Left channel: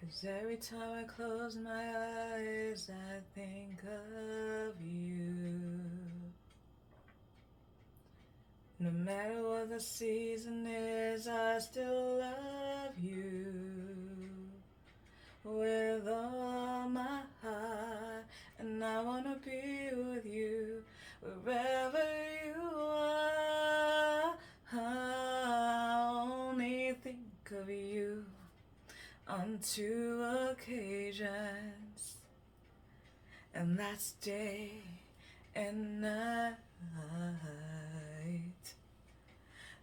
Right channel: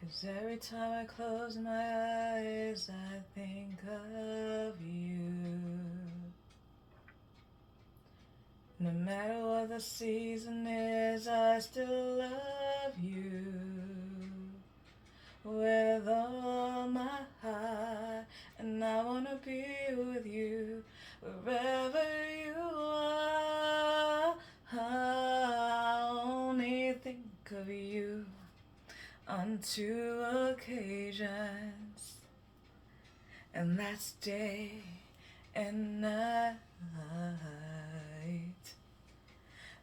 'Cause every time I close my eyes, I think of you. No matter what the season is, I still love you. With all my heart, and I wanna be with you wherever you are. I only think of you on 2 occasions, and that's day and night.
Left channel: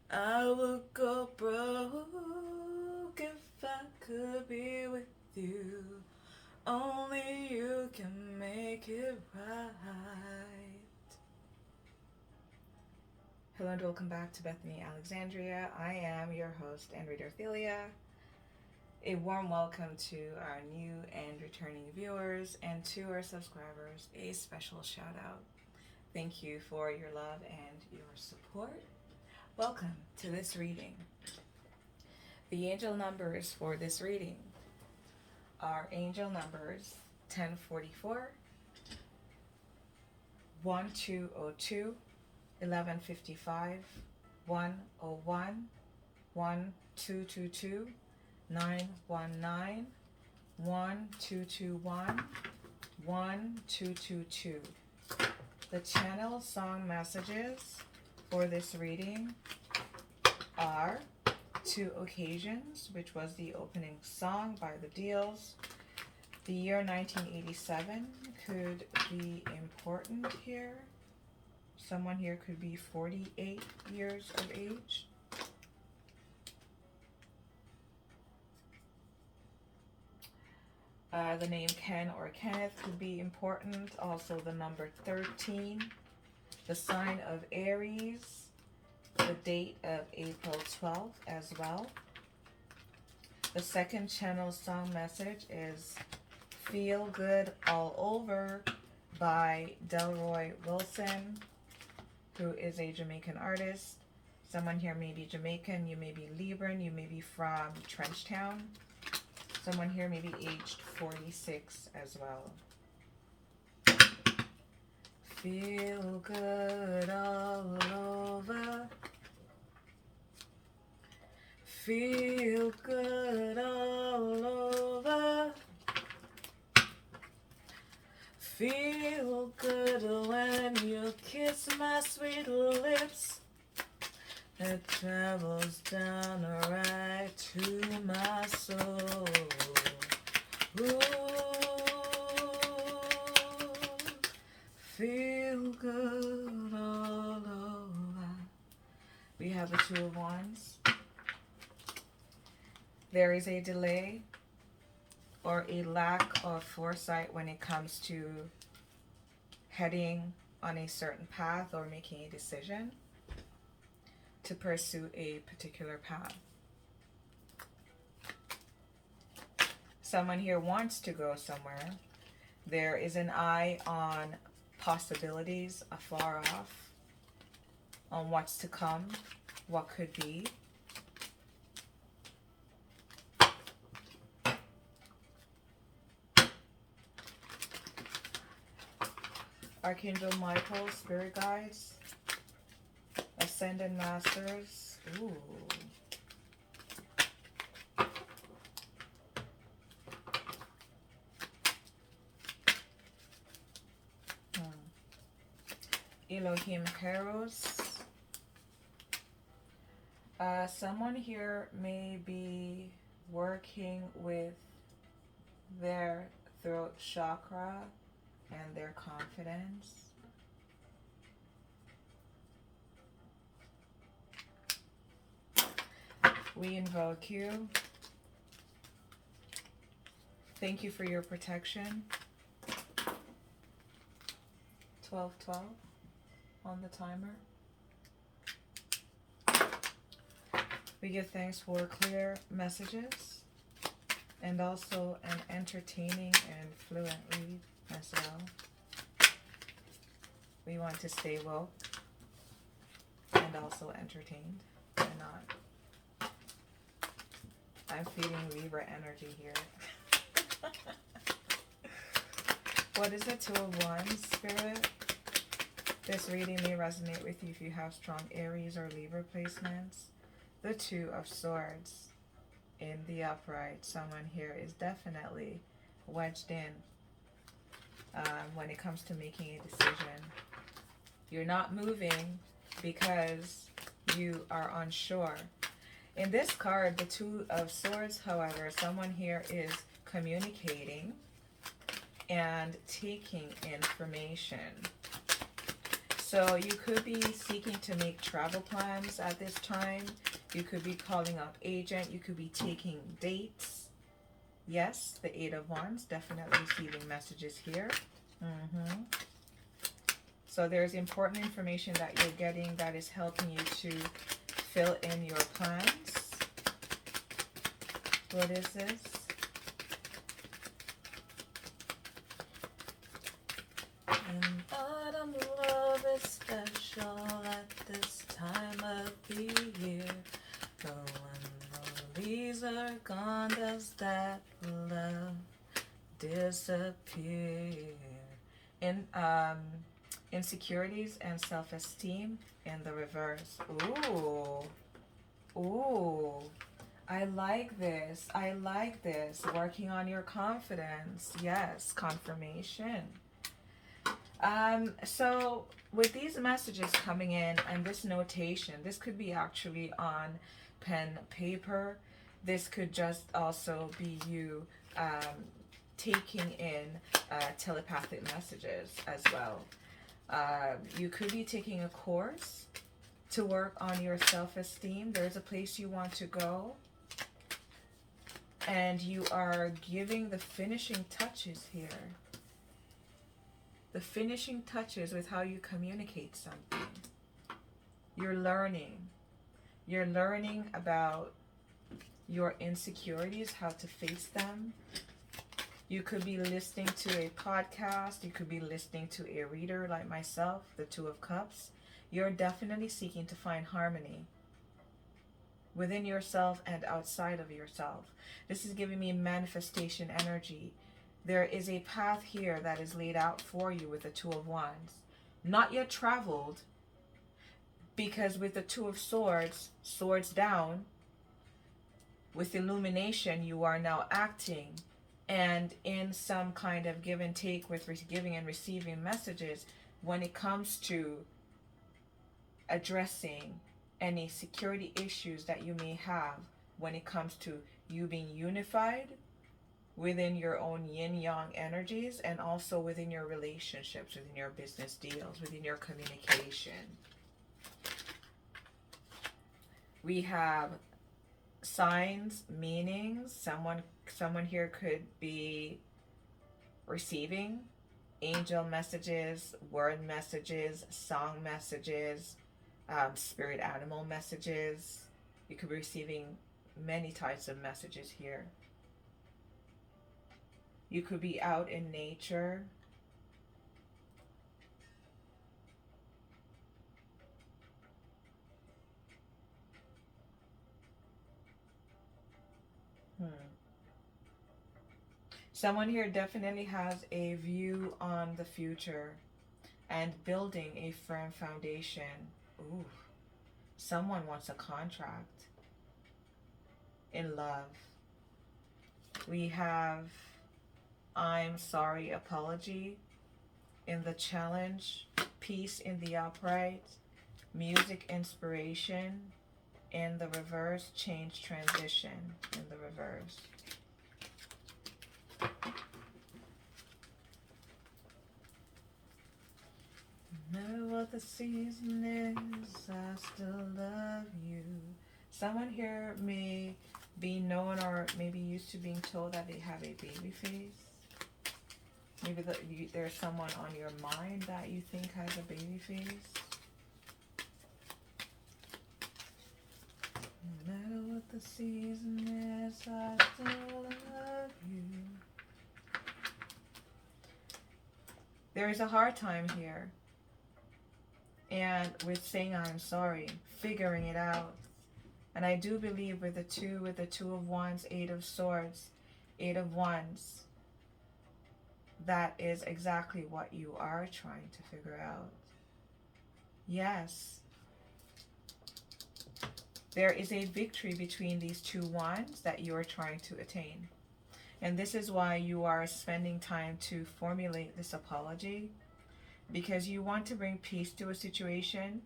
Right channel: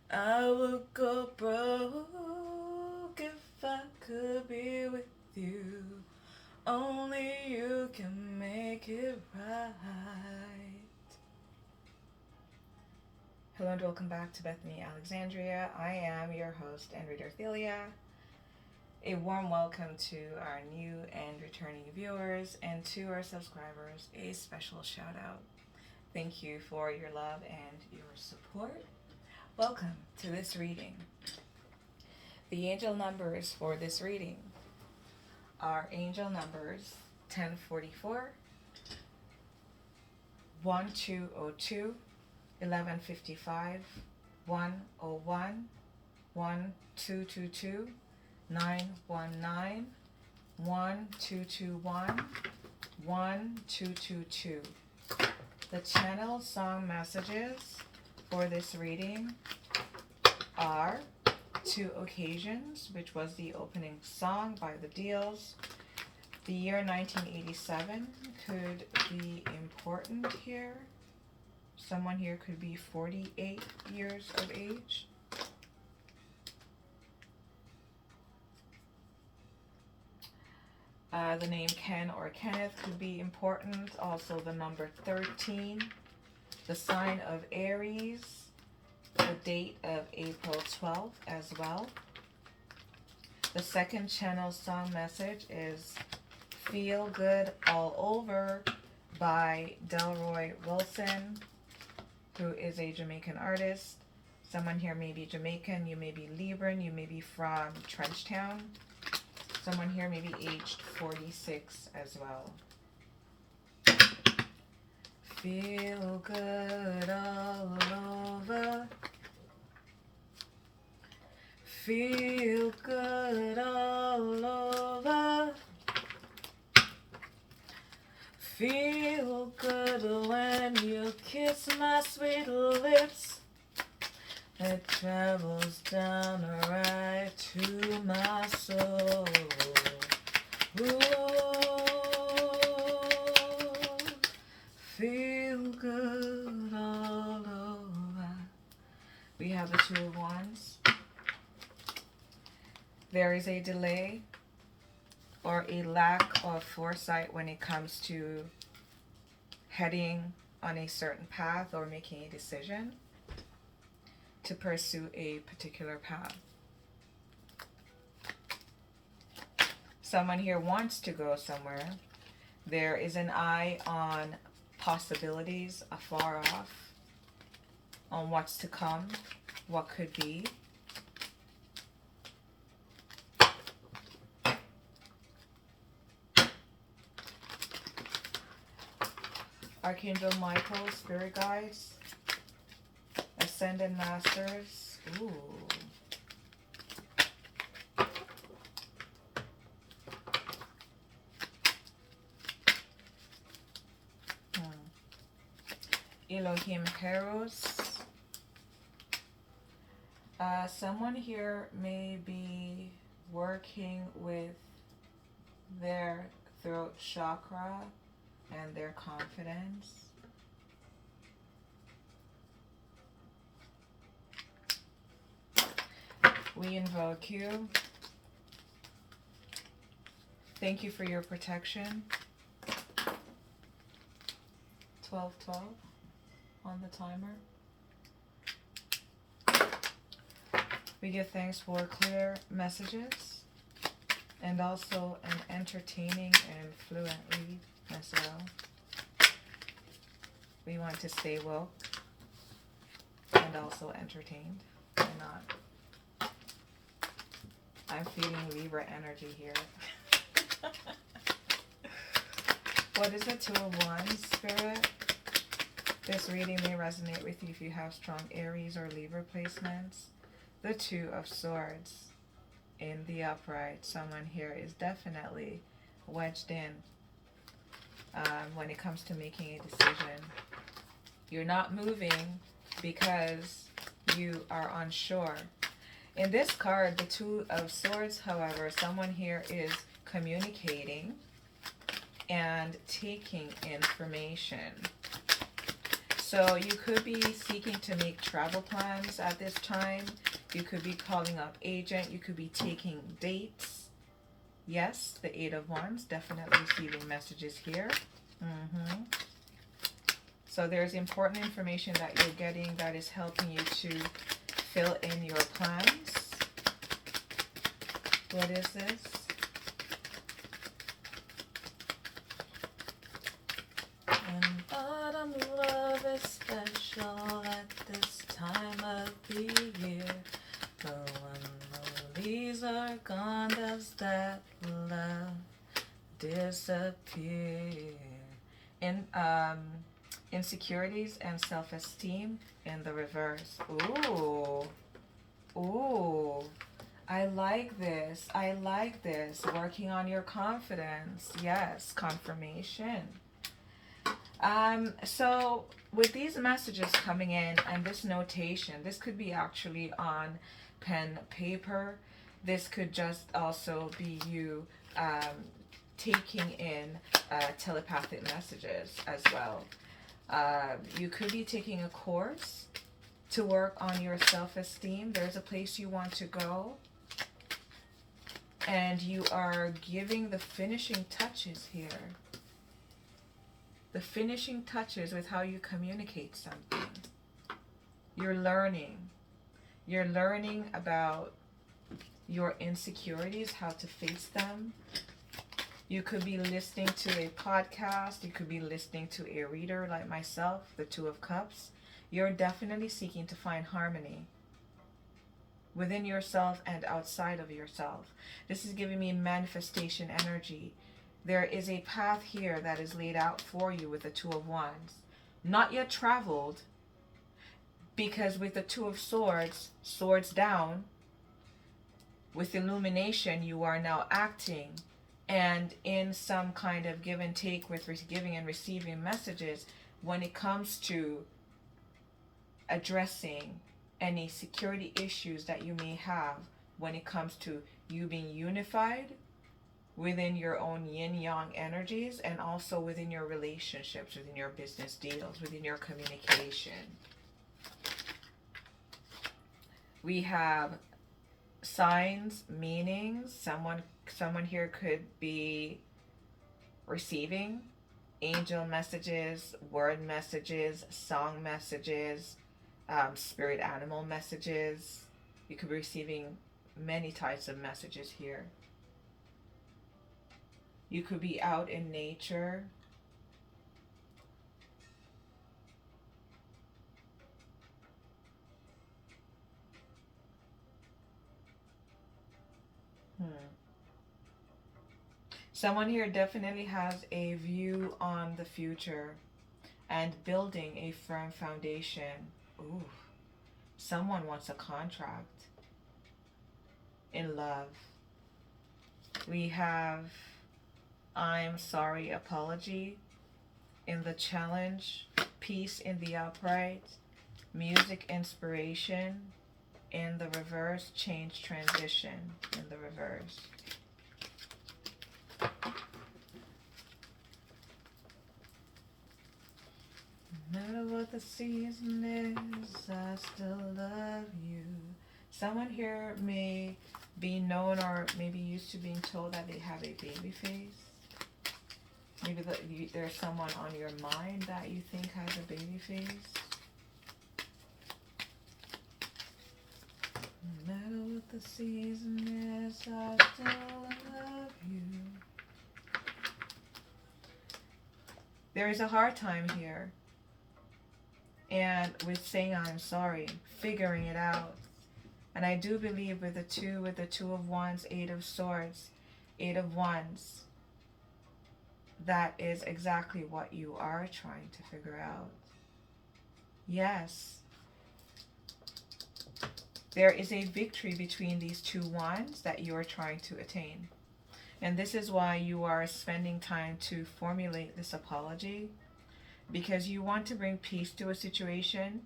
I would go broke if I could be with you. Only you can make it right. Hello and welcome back to Bethany Alexandria. I am your host and reader Thelia. A warm welcome to our new and returning viewers, and to our subscribers, a special shout out. Thank you for your love and your support. Welcome to this reading. The angel numbers for this reading are angel numbers 1044, 1202, 1155, 101, 1222, 919, 1221, 1222. The channel song messages for this reading are 2 occasions, which was the opening song by the Deals. The year 1987 could be important here. Someone here could be 48 years of age. The name Ken or Kenneth could be important. Also the number 13. The sign of Aries. The date of April 12th as well. The second channel song message is Feel Good All Over by Delroy Wilson, who is a Jamaican artist. Someone here may be Jamaican, you may be Libran, you may be from Trenchtown. Someone here may be aged 46 as well. Feel good all over. Feel good all over. Feel good when you kiss my sweet lips. It travels down right to my soul. Ooh, feel good all over. We have the 2 of Wands. There is a delay or a lack of foresight when it comes to heading on a certain path or making a decision to pursue a particular path. Someone here wants to go somewhere. There is an eye on possibilities afar off, on what's to come, what could be. Archangel Michael, Spirit Guides, Ascended Masters. Ooh. Elohim Heros. Someone here may be working with their throat chakra and their confidence. We invoke you. Thank you for your protection. 1212 on the timer. We give thanks for clear messages and also an entertaining and fluent read as well. We want to stay woke and also entertained and not. I'm feeling Libra energy here. What is the Two of Wands, Spirit? This reading may resonate with you if you have strong Aries or Libra placements. The Two of Swords in the upright. Someone here is definitely wedged in when it comes to making a decision. You're not moving because you are unsure. In this card, the Two of Swords, however, someone here is communicating and taking information. So you could be seeking to make travel plans at this time. You could be calling up agent. You could be taking dates. Yes, the Eight of Wands, definitely receiving messages here. So there's important information that you're getting that is helping you to fill in your plans. What is this? And autumn love is special at this time of the year. But when the leaves are gone, does that love disappear? In insecurities and self-esteem in the reverse. Ooh. Ooh. I like this. I like this. Working on your confidence. Yes, confirmation. So with these messages coming in and this notation, this could be actually on pen, paper. This could just also be you taking in telepathic messages as well. You could be taking a course to work on your self-esteem. There's a place you want to go, and you are giving the finishing touches here. The finishing touches with how you communicate something. You're learning. You're learning about your insecurities, how to face them. You could be listening to a podcast. You could be listening to a reader like myself, the Two of Cups. You're definitely seeking to find harmony within yourself and outside of yourself. This is giving me manifestation energy. There is a path here that is laid out for you with the Two of Wands. Not yet traveled, because with the Two of Swords, swords down, with illumination, you are now acting. And in some kind of give and take with giving and receiving messages, when it comes to addressing any security issues that you may have, when it comes to you being unified within your own yin-yang energies, and also within your relationships, within your business deals, within your communication. We have signs, meanings. Someone here could be receiving angel messages, word messages, song messages, spirit animal messages. You could be receiving many types of messages here. You could be out in nature. Someone here definitely has a view on the future and building a firm foundation. Ooh, someone wants a contract in love. We have I'm sorry, apology in the challenge, peace in the upright, music inspiration in the reverse, change transition in the reverse. No matter what the season is, I still love you. Someone here may be known or maybe used to being told that they have a baby face. Maybe there's someone on your mind that you think has a baby face. No matter what the season is, I still love you. There is a hard time here. And with saying I'm sorry, figuring it out. And I do believe with the two of Wands, Eight of Swords, Eight of Wands, that is exactly what you are trying to figure out. Yes. There is a victory between these two wands that you are trying to attain. And this is why you are spending time to formulate this apology, because you want to bring peace to a situation.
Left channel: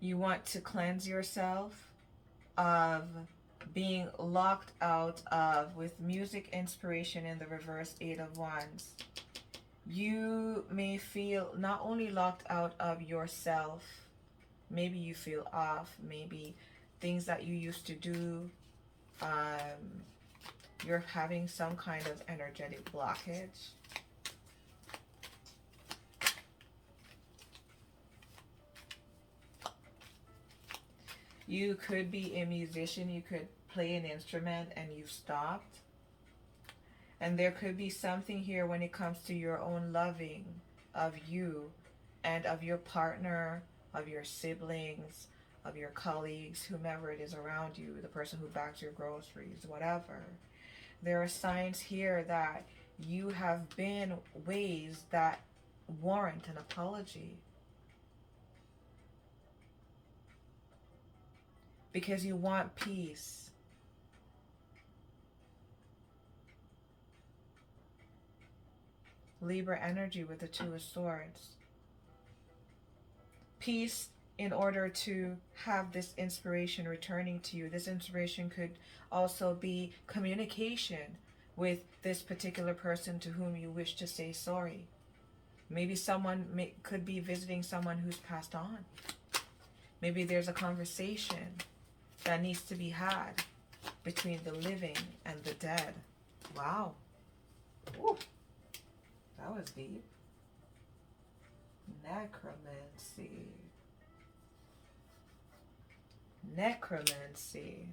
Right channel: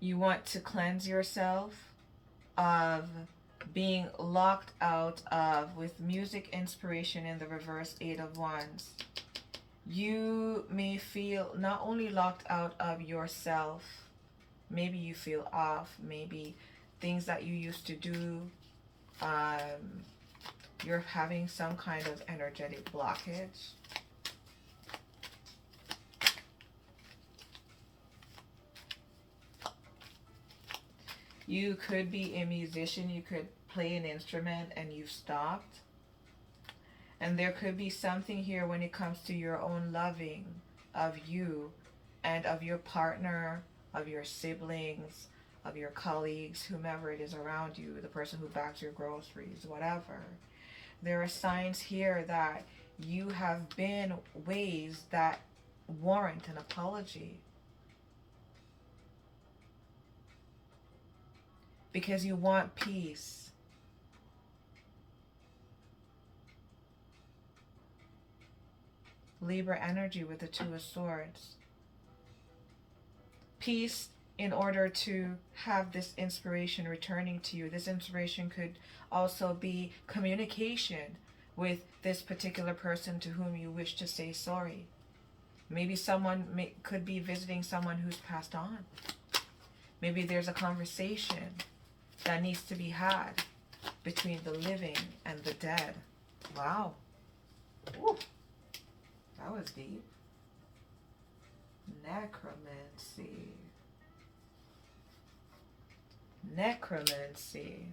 You want to cleanse yourself of being locked out of, with music inspiration in the reverse, 8 of Wands. You may feel not only locked out of yourself, maybe you feel off, maybe things that you used to do, you're having some kind of energetic blockage. You could be a musician, you could play an instrument and you've stopped. And there could be something here when it comes to your own loving of you and of your partner, of your siblings, of your colleagues, whomever it is around you, the person who backs your groceries, whatever. There are signs here that you have been ways that warrant an apology. Because you want peace. Libra energy with the 2 of Swords. Peace in order to have this inspiration returning to you. This inspiration could also be communication with this particular person to whom you wish to say sorry. Maybe someone could be visiting someone who's passed on. Maybe there's a conversation that needs to be had between the living and the dead. Wow. Ooh, that was deep. Necromancy. Necromancy.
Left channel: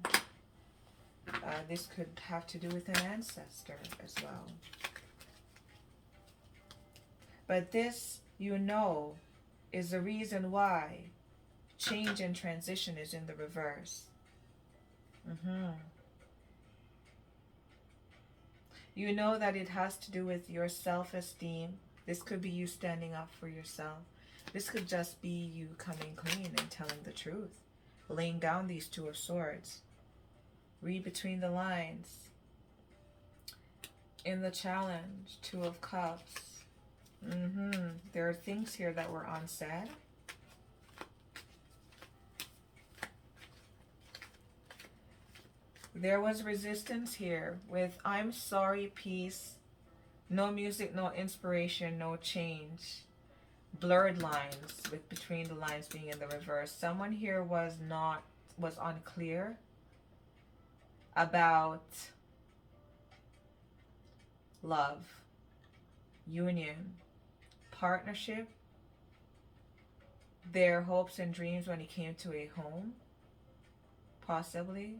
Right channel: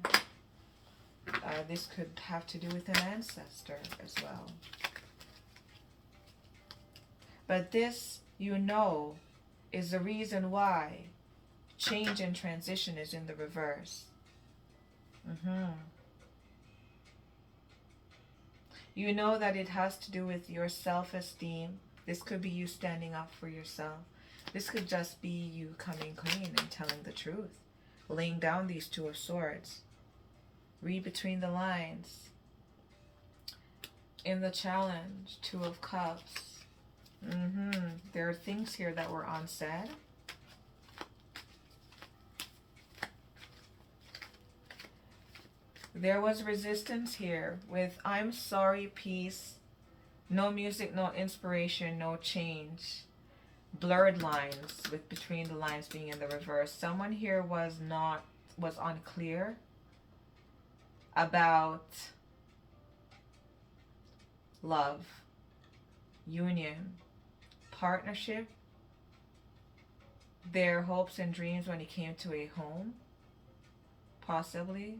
This could have to do with an ancestor as well. But this, you know, is the reason why change and transition is in the reverse. You know that it has to do with your self-esteem. This could be you standing up for yourself. This could just be you coming clean and telling the truth. Laying down these 2 of Swords. Read between the lines. In the challenge, 2 of Cups. There are things here that were unsaid. There was resistance here with I'm sorry, peace, no music, no inspiration, no change. Blurred lines with between the lines being in the reverse. Someone here was unclear about love, union, partnership, their hopes and dreams when it came to a home, possibly.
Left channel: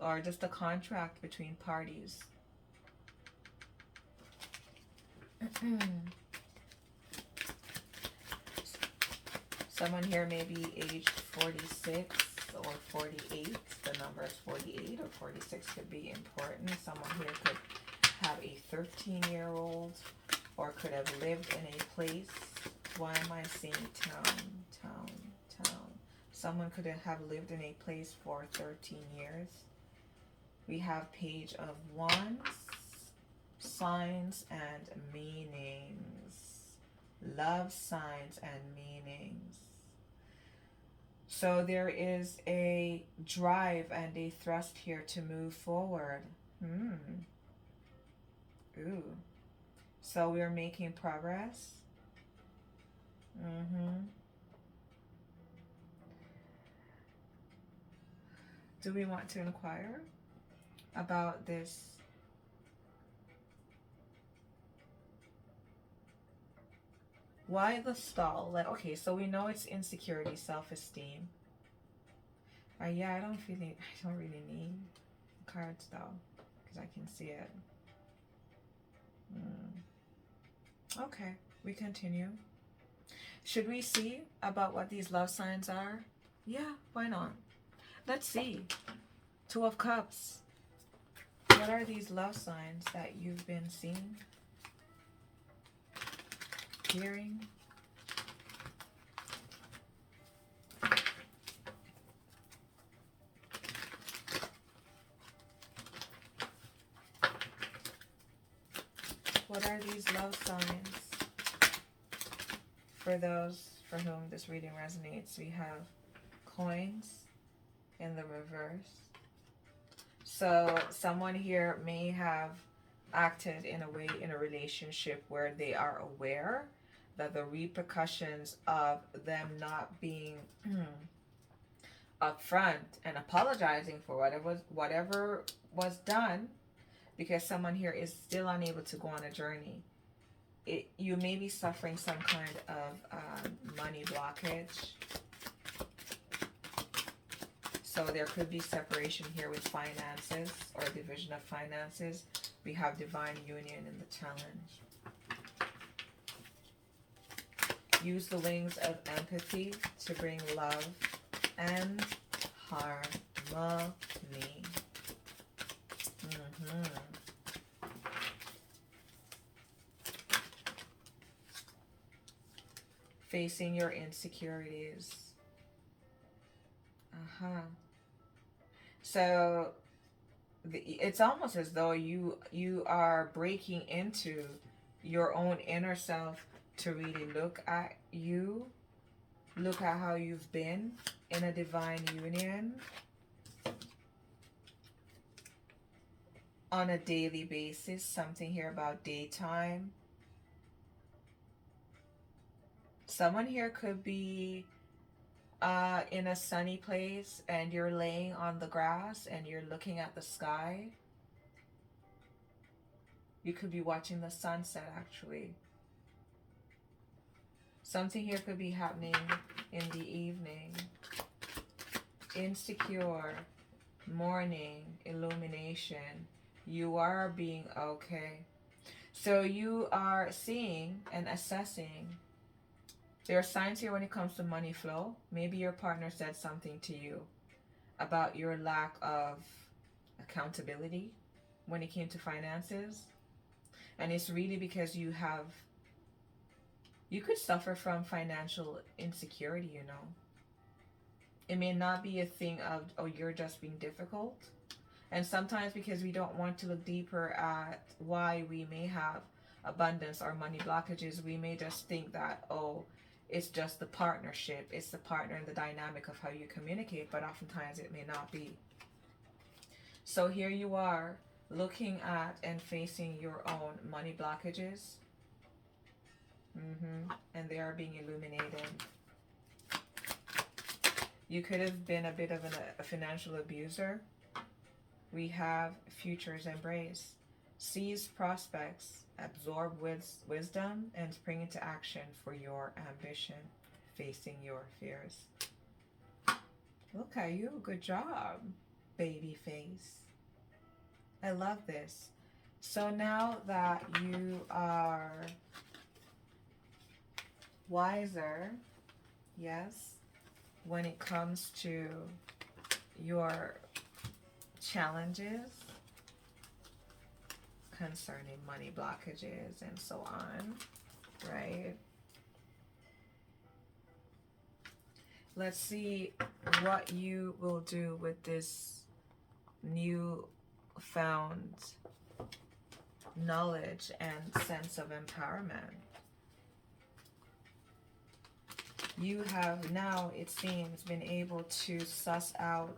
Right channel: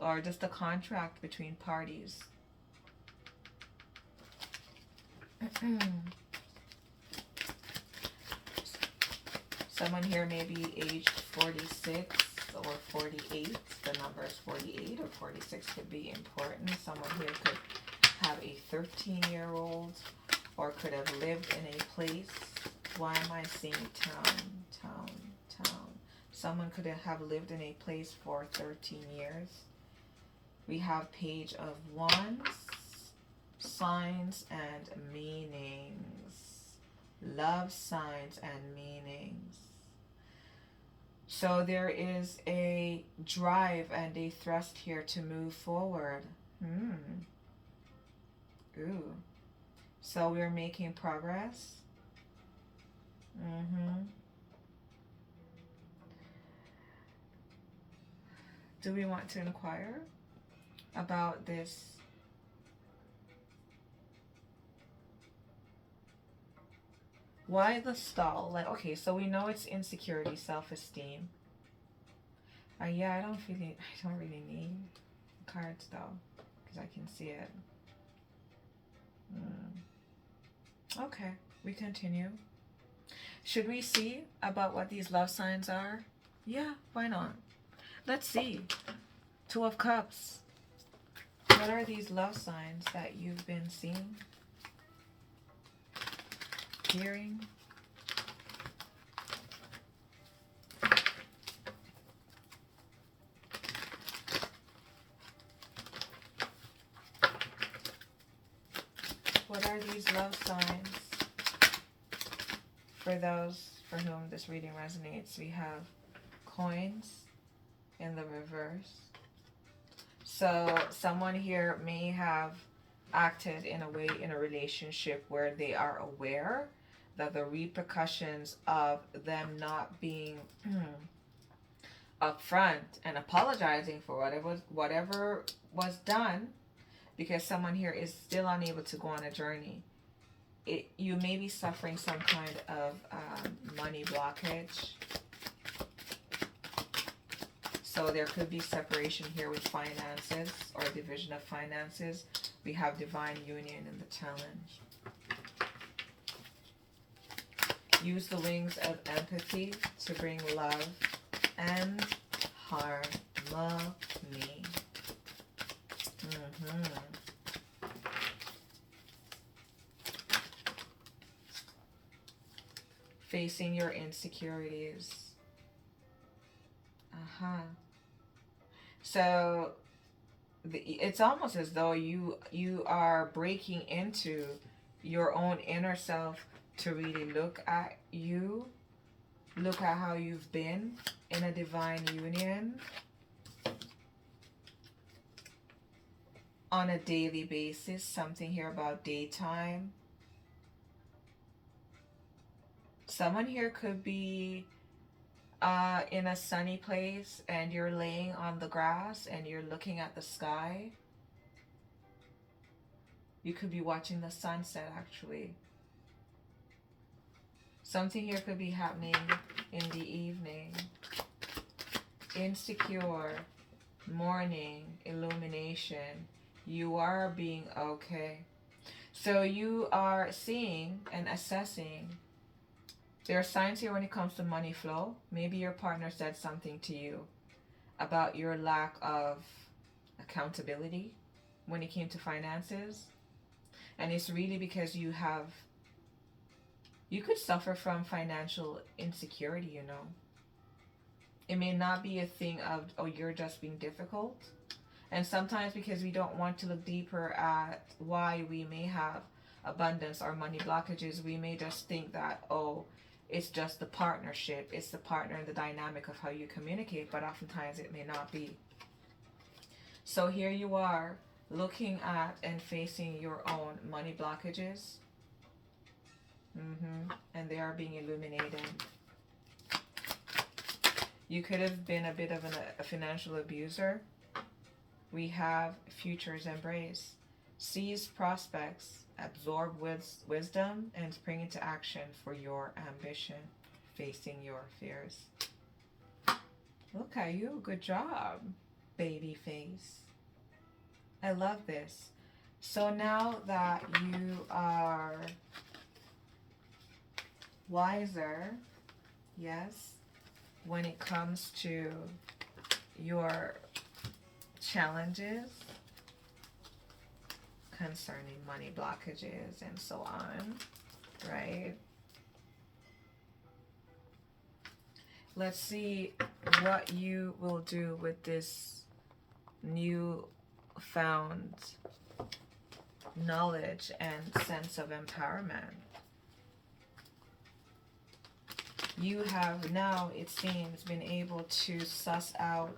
Or just a contract between parties. Someone here may be aged 46 or 48. The number is 48 or 46 could be important. Someone here could have a 13-year-old or could have lived in a place. Why am I seeing town? Someone could have lived in a place for 13 years. We have Page of Wands, signs and meanings. Love, signs and meanings. So there is a drive and a thrust here to move forward. Ooh. So we're making progress. Do we want to inquire about this? Why the stall? Like, okay, so we know it's insecurity, self-esteem. Yeah, I don't really need cards though, because I can see it. Okay, we continue. Should we see about what these love signs are? Yeah, why not? Let's see. 2 of Cups. What are these love signs that you've been seeing, hearing? What are these love signs? For those for whom this reading resonates, we have coins in the reverse. So someone here may have acted in a way in a relationship where they are aware that the repercussions of them not being upfront and apologizing for whatever was done, because someone here is still unable to go on a journey. You may be suffering some kind of money blockage. So there could be separation here with finances or division of finances. We have divine union in the challenge. Use the wings of empathy to bring love and harmony. Facing your insecurities. So it's almost as though you are breaking into your own inner self to really look at you, look at how you've been in a divine union on a daily basis. Something here about daytime. Someone here could be in a sunny place and you're laying on the grass and you're looking at the sky. You could be watching the sunset actually. Something here could be happening in the evening. Insecure, morning, illumination. You are being okay. So you are seeing and assessing. There are signs here when it comes to money flow. Maybe your partner said something to you about your lack of accountability when it came to finances. And it's really because you could suffer from financial insecurity, you know. It may not be a thing of, oh, you're just being difficult. And sometimes because we don't want to look deeper at why we may have abundance or money blockages, we may just think that, oh, it's just the partnership. It's the partner and the dynamic of how you communicate, but oftentimes it may not be. So here you are looking at and facing your own money blockages. And they are being illuminated. You could have been a bit of a financial abuser. We have futures embrace. Seize prospects. Absorb wisdom and spring into action for your ambition, facing your fears. Look at you. Good job, baby face. I love this. So now that you are wiser, yes, when it comes to your challenges concerning money blockages and so on, right? Let's see what you will do with this new found knowledge and sense of empowerment. You have now, it seems, been able to suss out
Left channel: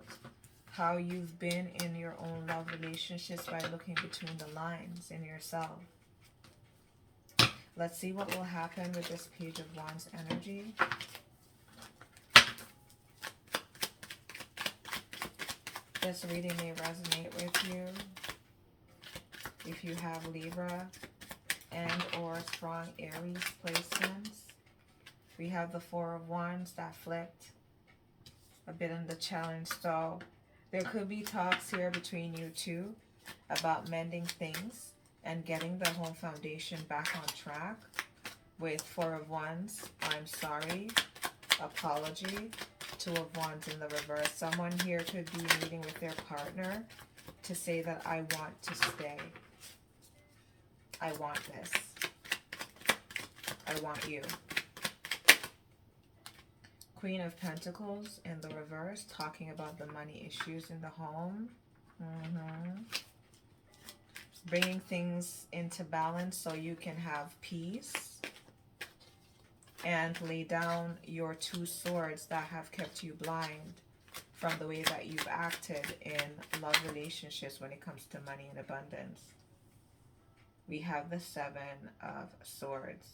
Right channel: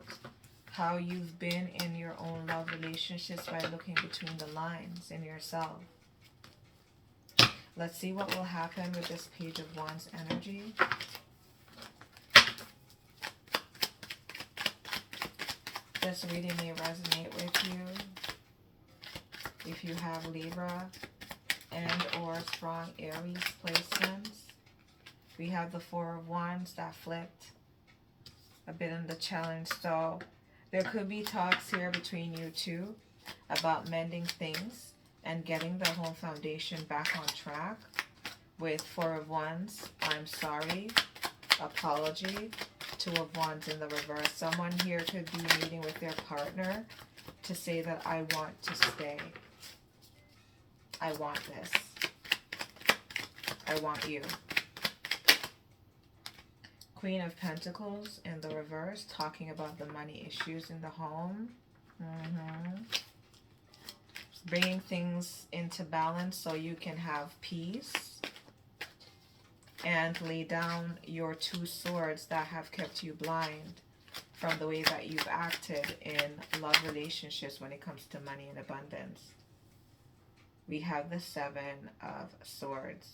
how you've been in your own love relationships by looking between the lines in yourself. Let's see what will happen with this Page of Wands energy. This reading may resonate with you if you have Libra and or strong Aries placements. We have the Four of Wands that flipped a bit in the challenge. So there could be talks here between you two about mending things and getting the whole foundation back on track with Four of Wands. I'm sorry, apology, Two of Wands in the reverse. Someone here could be meeting with their partner to say that I want to stay. I want this. I want you. Queen of Pentacles in the reverse, talking about the money issues in the home. Bringing things into balance so you can have peace. And lay down your two swords that have kept you blind from the way that you've acted in love relationships when it comes to money and abundance. We have the Seven of Swords.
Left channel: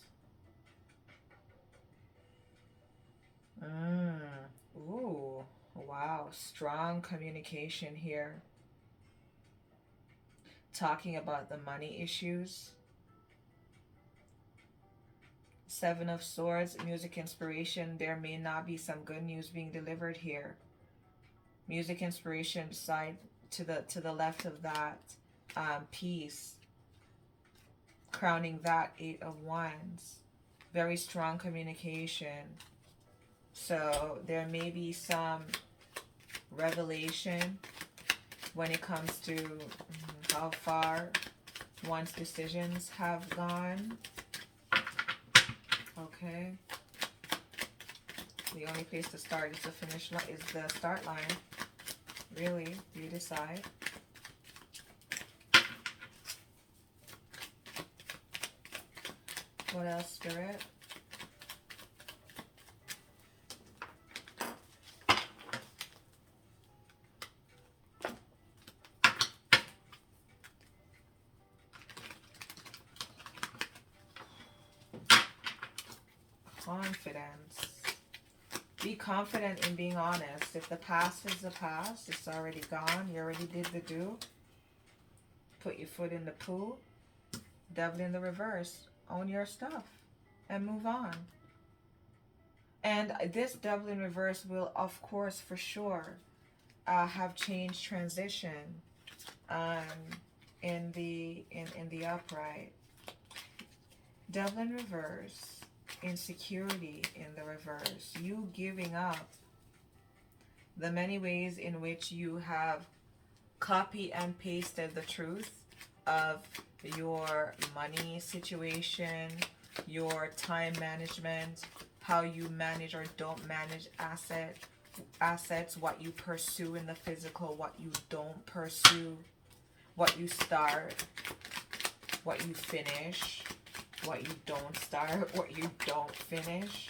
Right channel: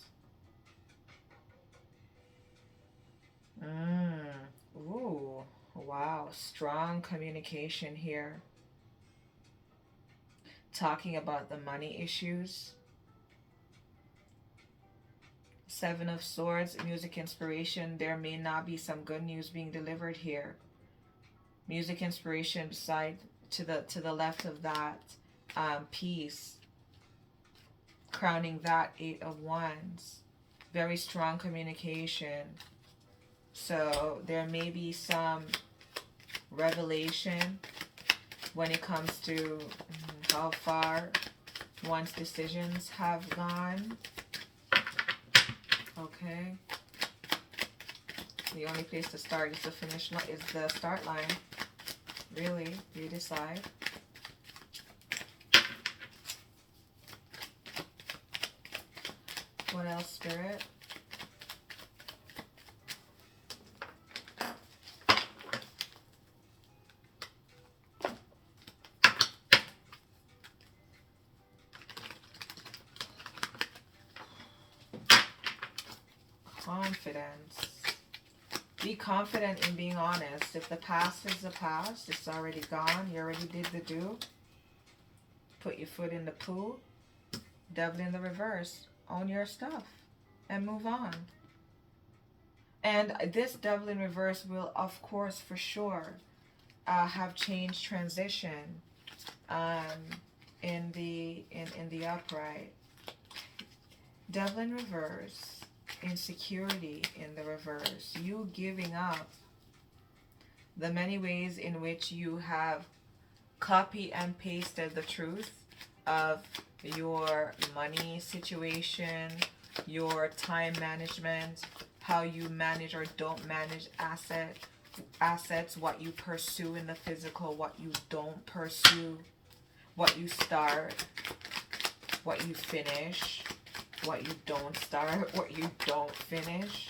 Ooh, wow. Strong communication here. Talking about the money issues. Seven of Swords, music inspiration. There may not be some good news being delivered here. Music inspiration beside to the left of that, peace. Crowning that, Eight of Wands. Very strong communication. So there may be some revelation when it comes to how far one's decisions have gone. Okay. The only place to start is the finish line, is the start line. Really, you decide. What else, Spirit? Confidence. Be confident in being honest. If the past is the past, it's already gone. You already did the do. Put your foot in the pool. Devil in the reverse. Own your stuff and move on. And this Devil in reverse will, of course, for sure, have change, transition in the upright. Devil in reverse. Insecurity in the reverse. You giving up the many ways in which you have copy and pasted the truth of your money situation, your time management, how you manage or don't manage assets, what you pursue in the physical, what you don't pursue, what you start, what you finish, what you don't start, what you don't finish.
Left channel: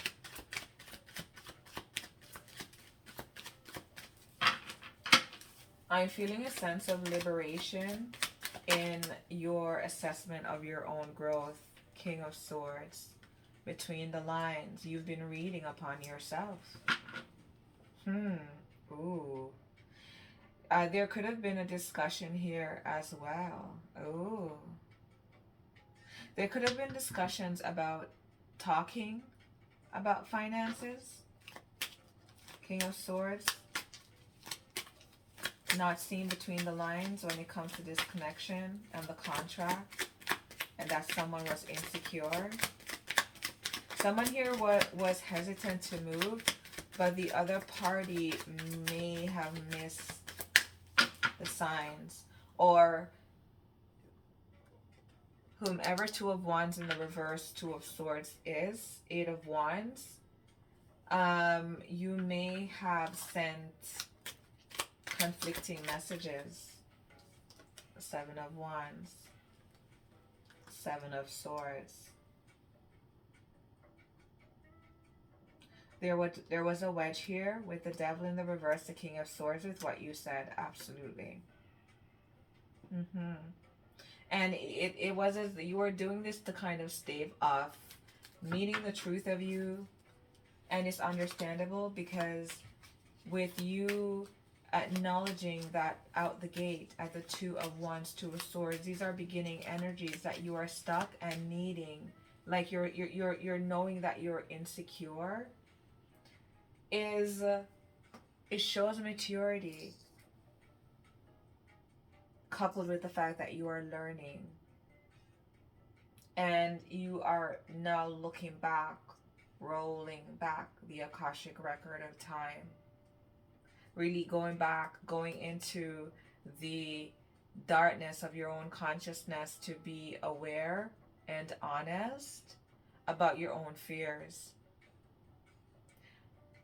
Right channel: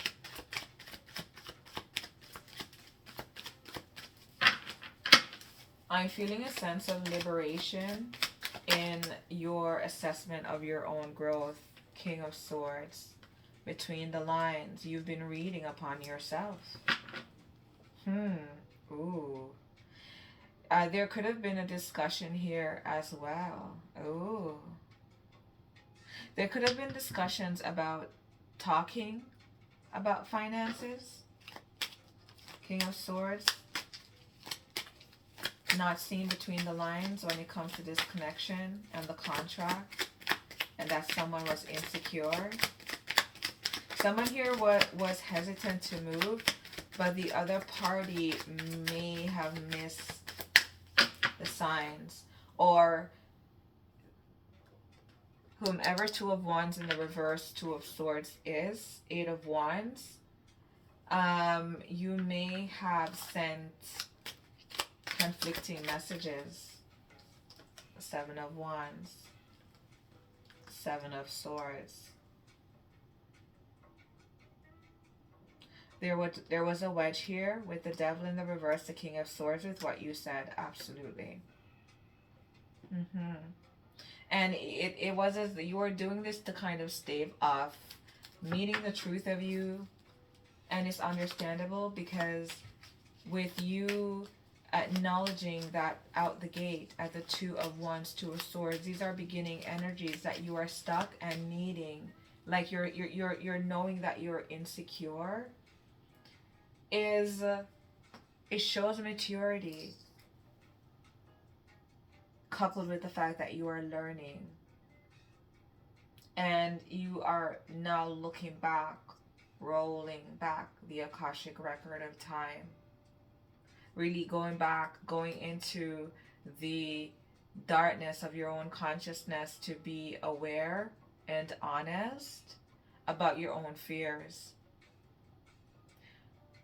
I'm feeling a sense of liberation in your assessment of your own growth, King of Swords. Between the lines, you've been reading upon yourself. Ooh. There could have been a discussion here as well. Ooh. There could have been discussions about talking about finances. King of Swords. Not seen between the lines when it comes to this connection and the contract. And that someone was insecure. Someone here was hesitant to move, but the other party may have missed the signs. Or whomever Two of Wands in the reverse, Two of Swords is, Eight of Wands, you may have sent conflicting messages. Seven of Wands, Seven of Swords. There was a wedge here with the Devil in the reverse, the King of Swords, with what you said. Absolutely. And it was as you were doing this to kind of stave off meeting the truth of you. And it's understandable because with you acknowledging that out the gate at the Two of Wands, Two of Swords, these are beginning energies that you are stuck and needing. Like you're knowing that you're insecure. It shows maturity coupled with the fact that you are learning and you are now looking back rolling back the Akashic record of time. Really going back, going into the darkness of your own consciousness to be aware and honest about your own fears.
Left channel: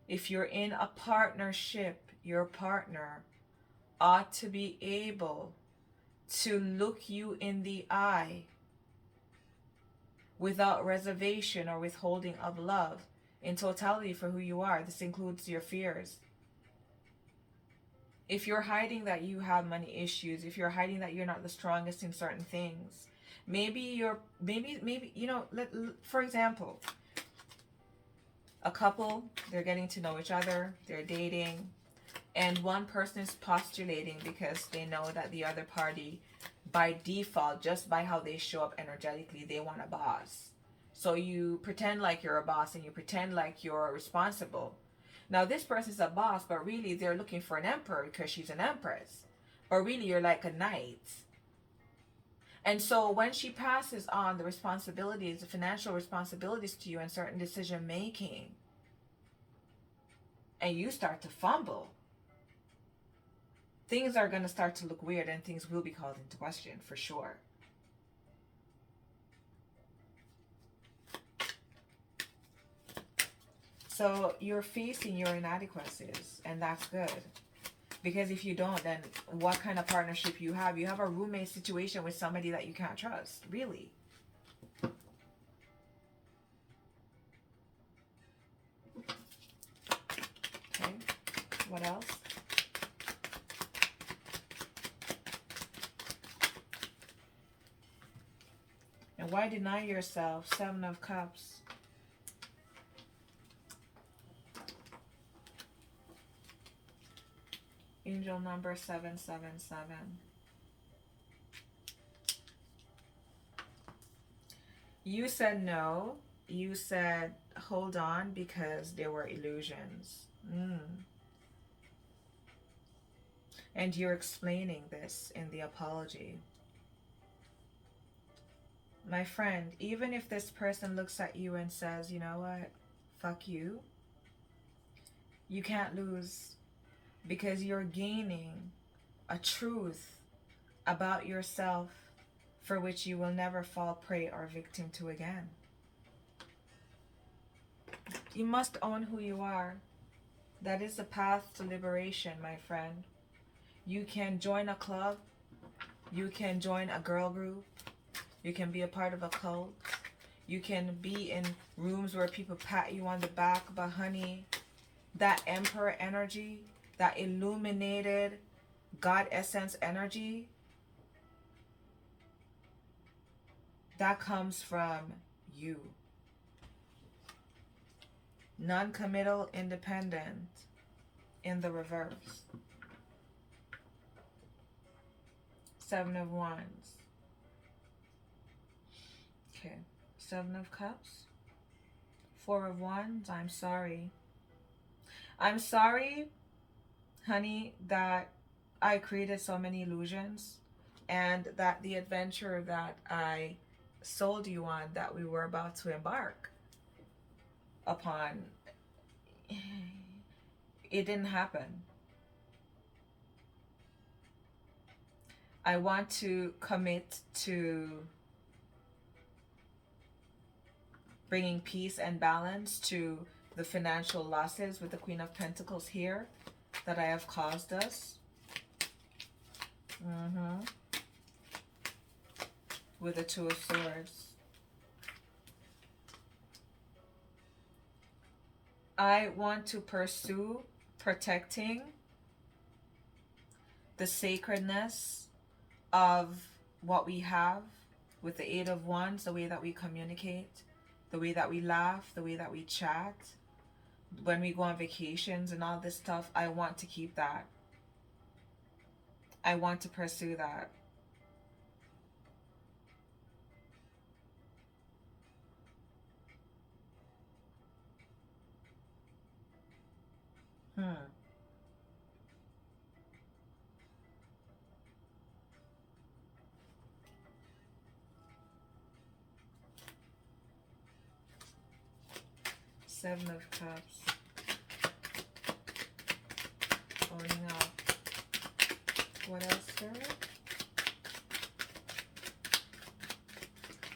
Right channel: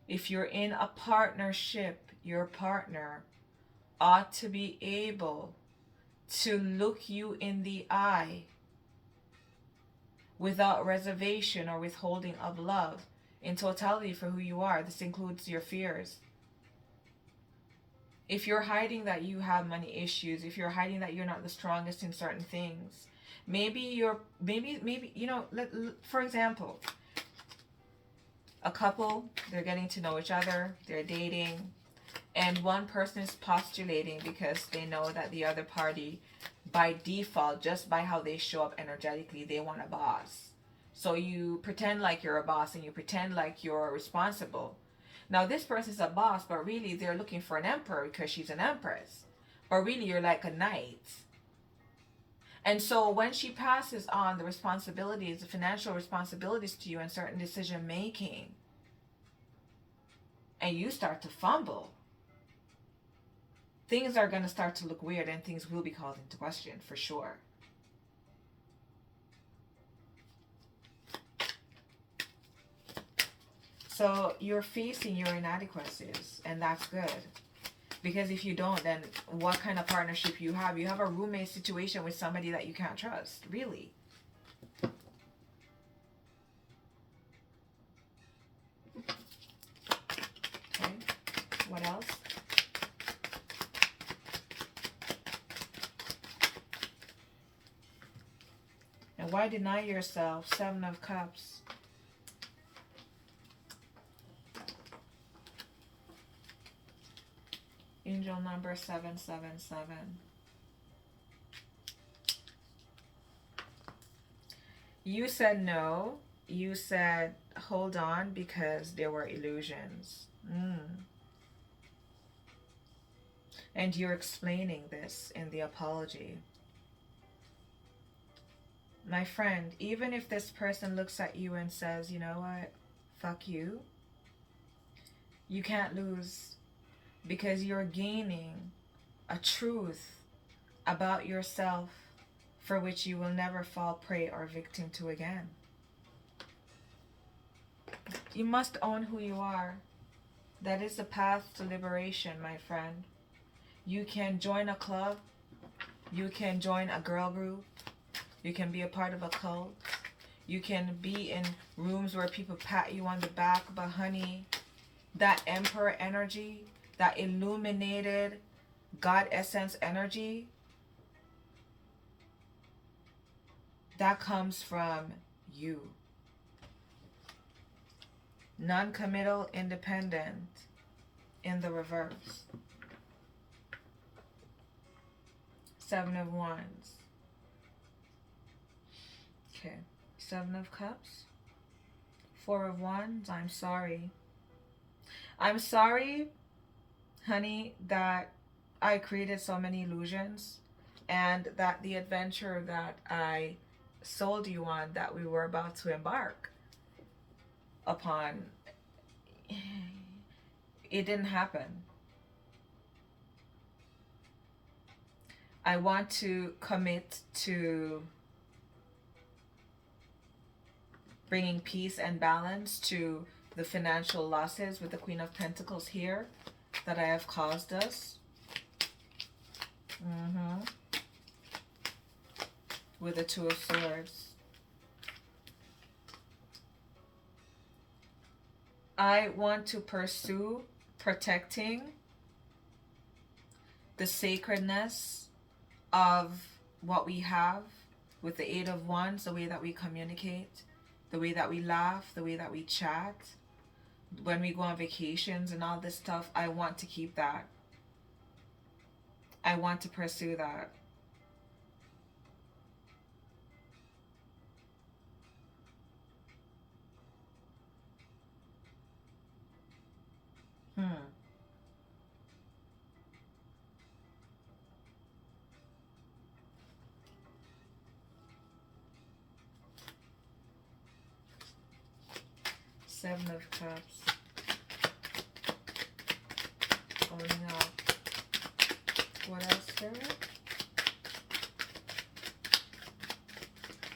If you're in a partnership, your partner ought to be able to look you in the eye without reservation or withholding of love in totality for who you are. This includes your fears. If you're hiding that you have money issues, if you're hiding that you're not the strongest in certain things, maybe you know, for example, a couple, they're getting to know each other, they're dating, and one person is postulating because they know that the other party, by default, just by how they show up energetically, they want a boss. So you pretend like you're a boss and you pretend like you're responsible. Now this person's a boss, but really they're looking for an emperor because she's an empress. But really you're like a knight. And so when she passes on the responsibilities, the financial responsibilities to you and certain decision making, and you start to fumble, things are going to start to look weird and things will be called into question for sure. So you're facing your inadequacies, and that's good. Because if you don't, then what kind of partnership you have? You have a roommate situation with somebody that you can't trust, really. Okay, what else? And why deny yourself? 7 of Cups. Angel number 777. You said no. You said hold on because there were illusions. And you're explaining this in the apology. My friend, even if this person looks at you and says, you know what, fuck you, you can't lose. Because you're gaining a truth about yourself for which you will never fall prey or victim to again. You must own who you are. That is the path to liberation, my friend. You can join a club. You can join a girl group. You can be a part of a cult. You can be in rooms where people pat you on the back, but honey, that emperor energy, that illuminated God essence energy, that comes from you. Non-committal, independent in the reverse. 7 of Wands. Okay. 7 of Cups. 4 of Wands. I'm sorry. I'm sorry, honey, that I created so many illusions and that the adventure that I sold you on, that we were about to embark upon, it didn't happen. I want to commit to bringing peace and balance to the financial losses with the Queen of Pentacles here that I have caused us. With the 2 of Swords. I want to pursue protecting the sacredness of what we have with the 8 of Wands, the way that we communicate, the way that we laugh, the way that we chat, when we go on vacations and all this stuff. I want to keep that. I want to pursue that. Seven of Cups. Owning up. What else, Spirit?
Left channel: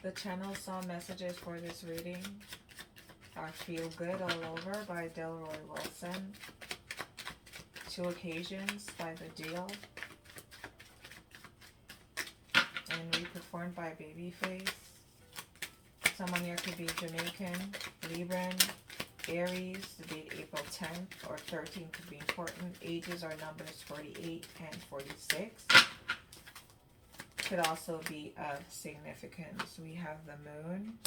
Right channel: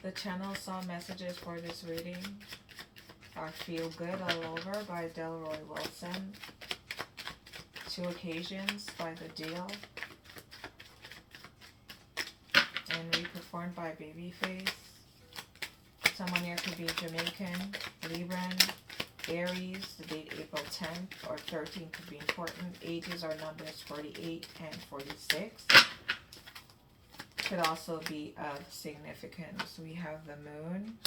The channel saw messages for this reading are Feel Good All Over by Delroy Wilson. Two Occasions by The Deal. And reperformed by Babyface. Someone here could be Jamaican, Libran, Aries. The date April 10th or 13th could be important. Ages are numbers 48 and 46. Could also be of significance. We have the Moon.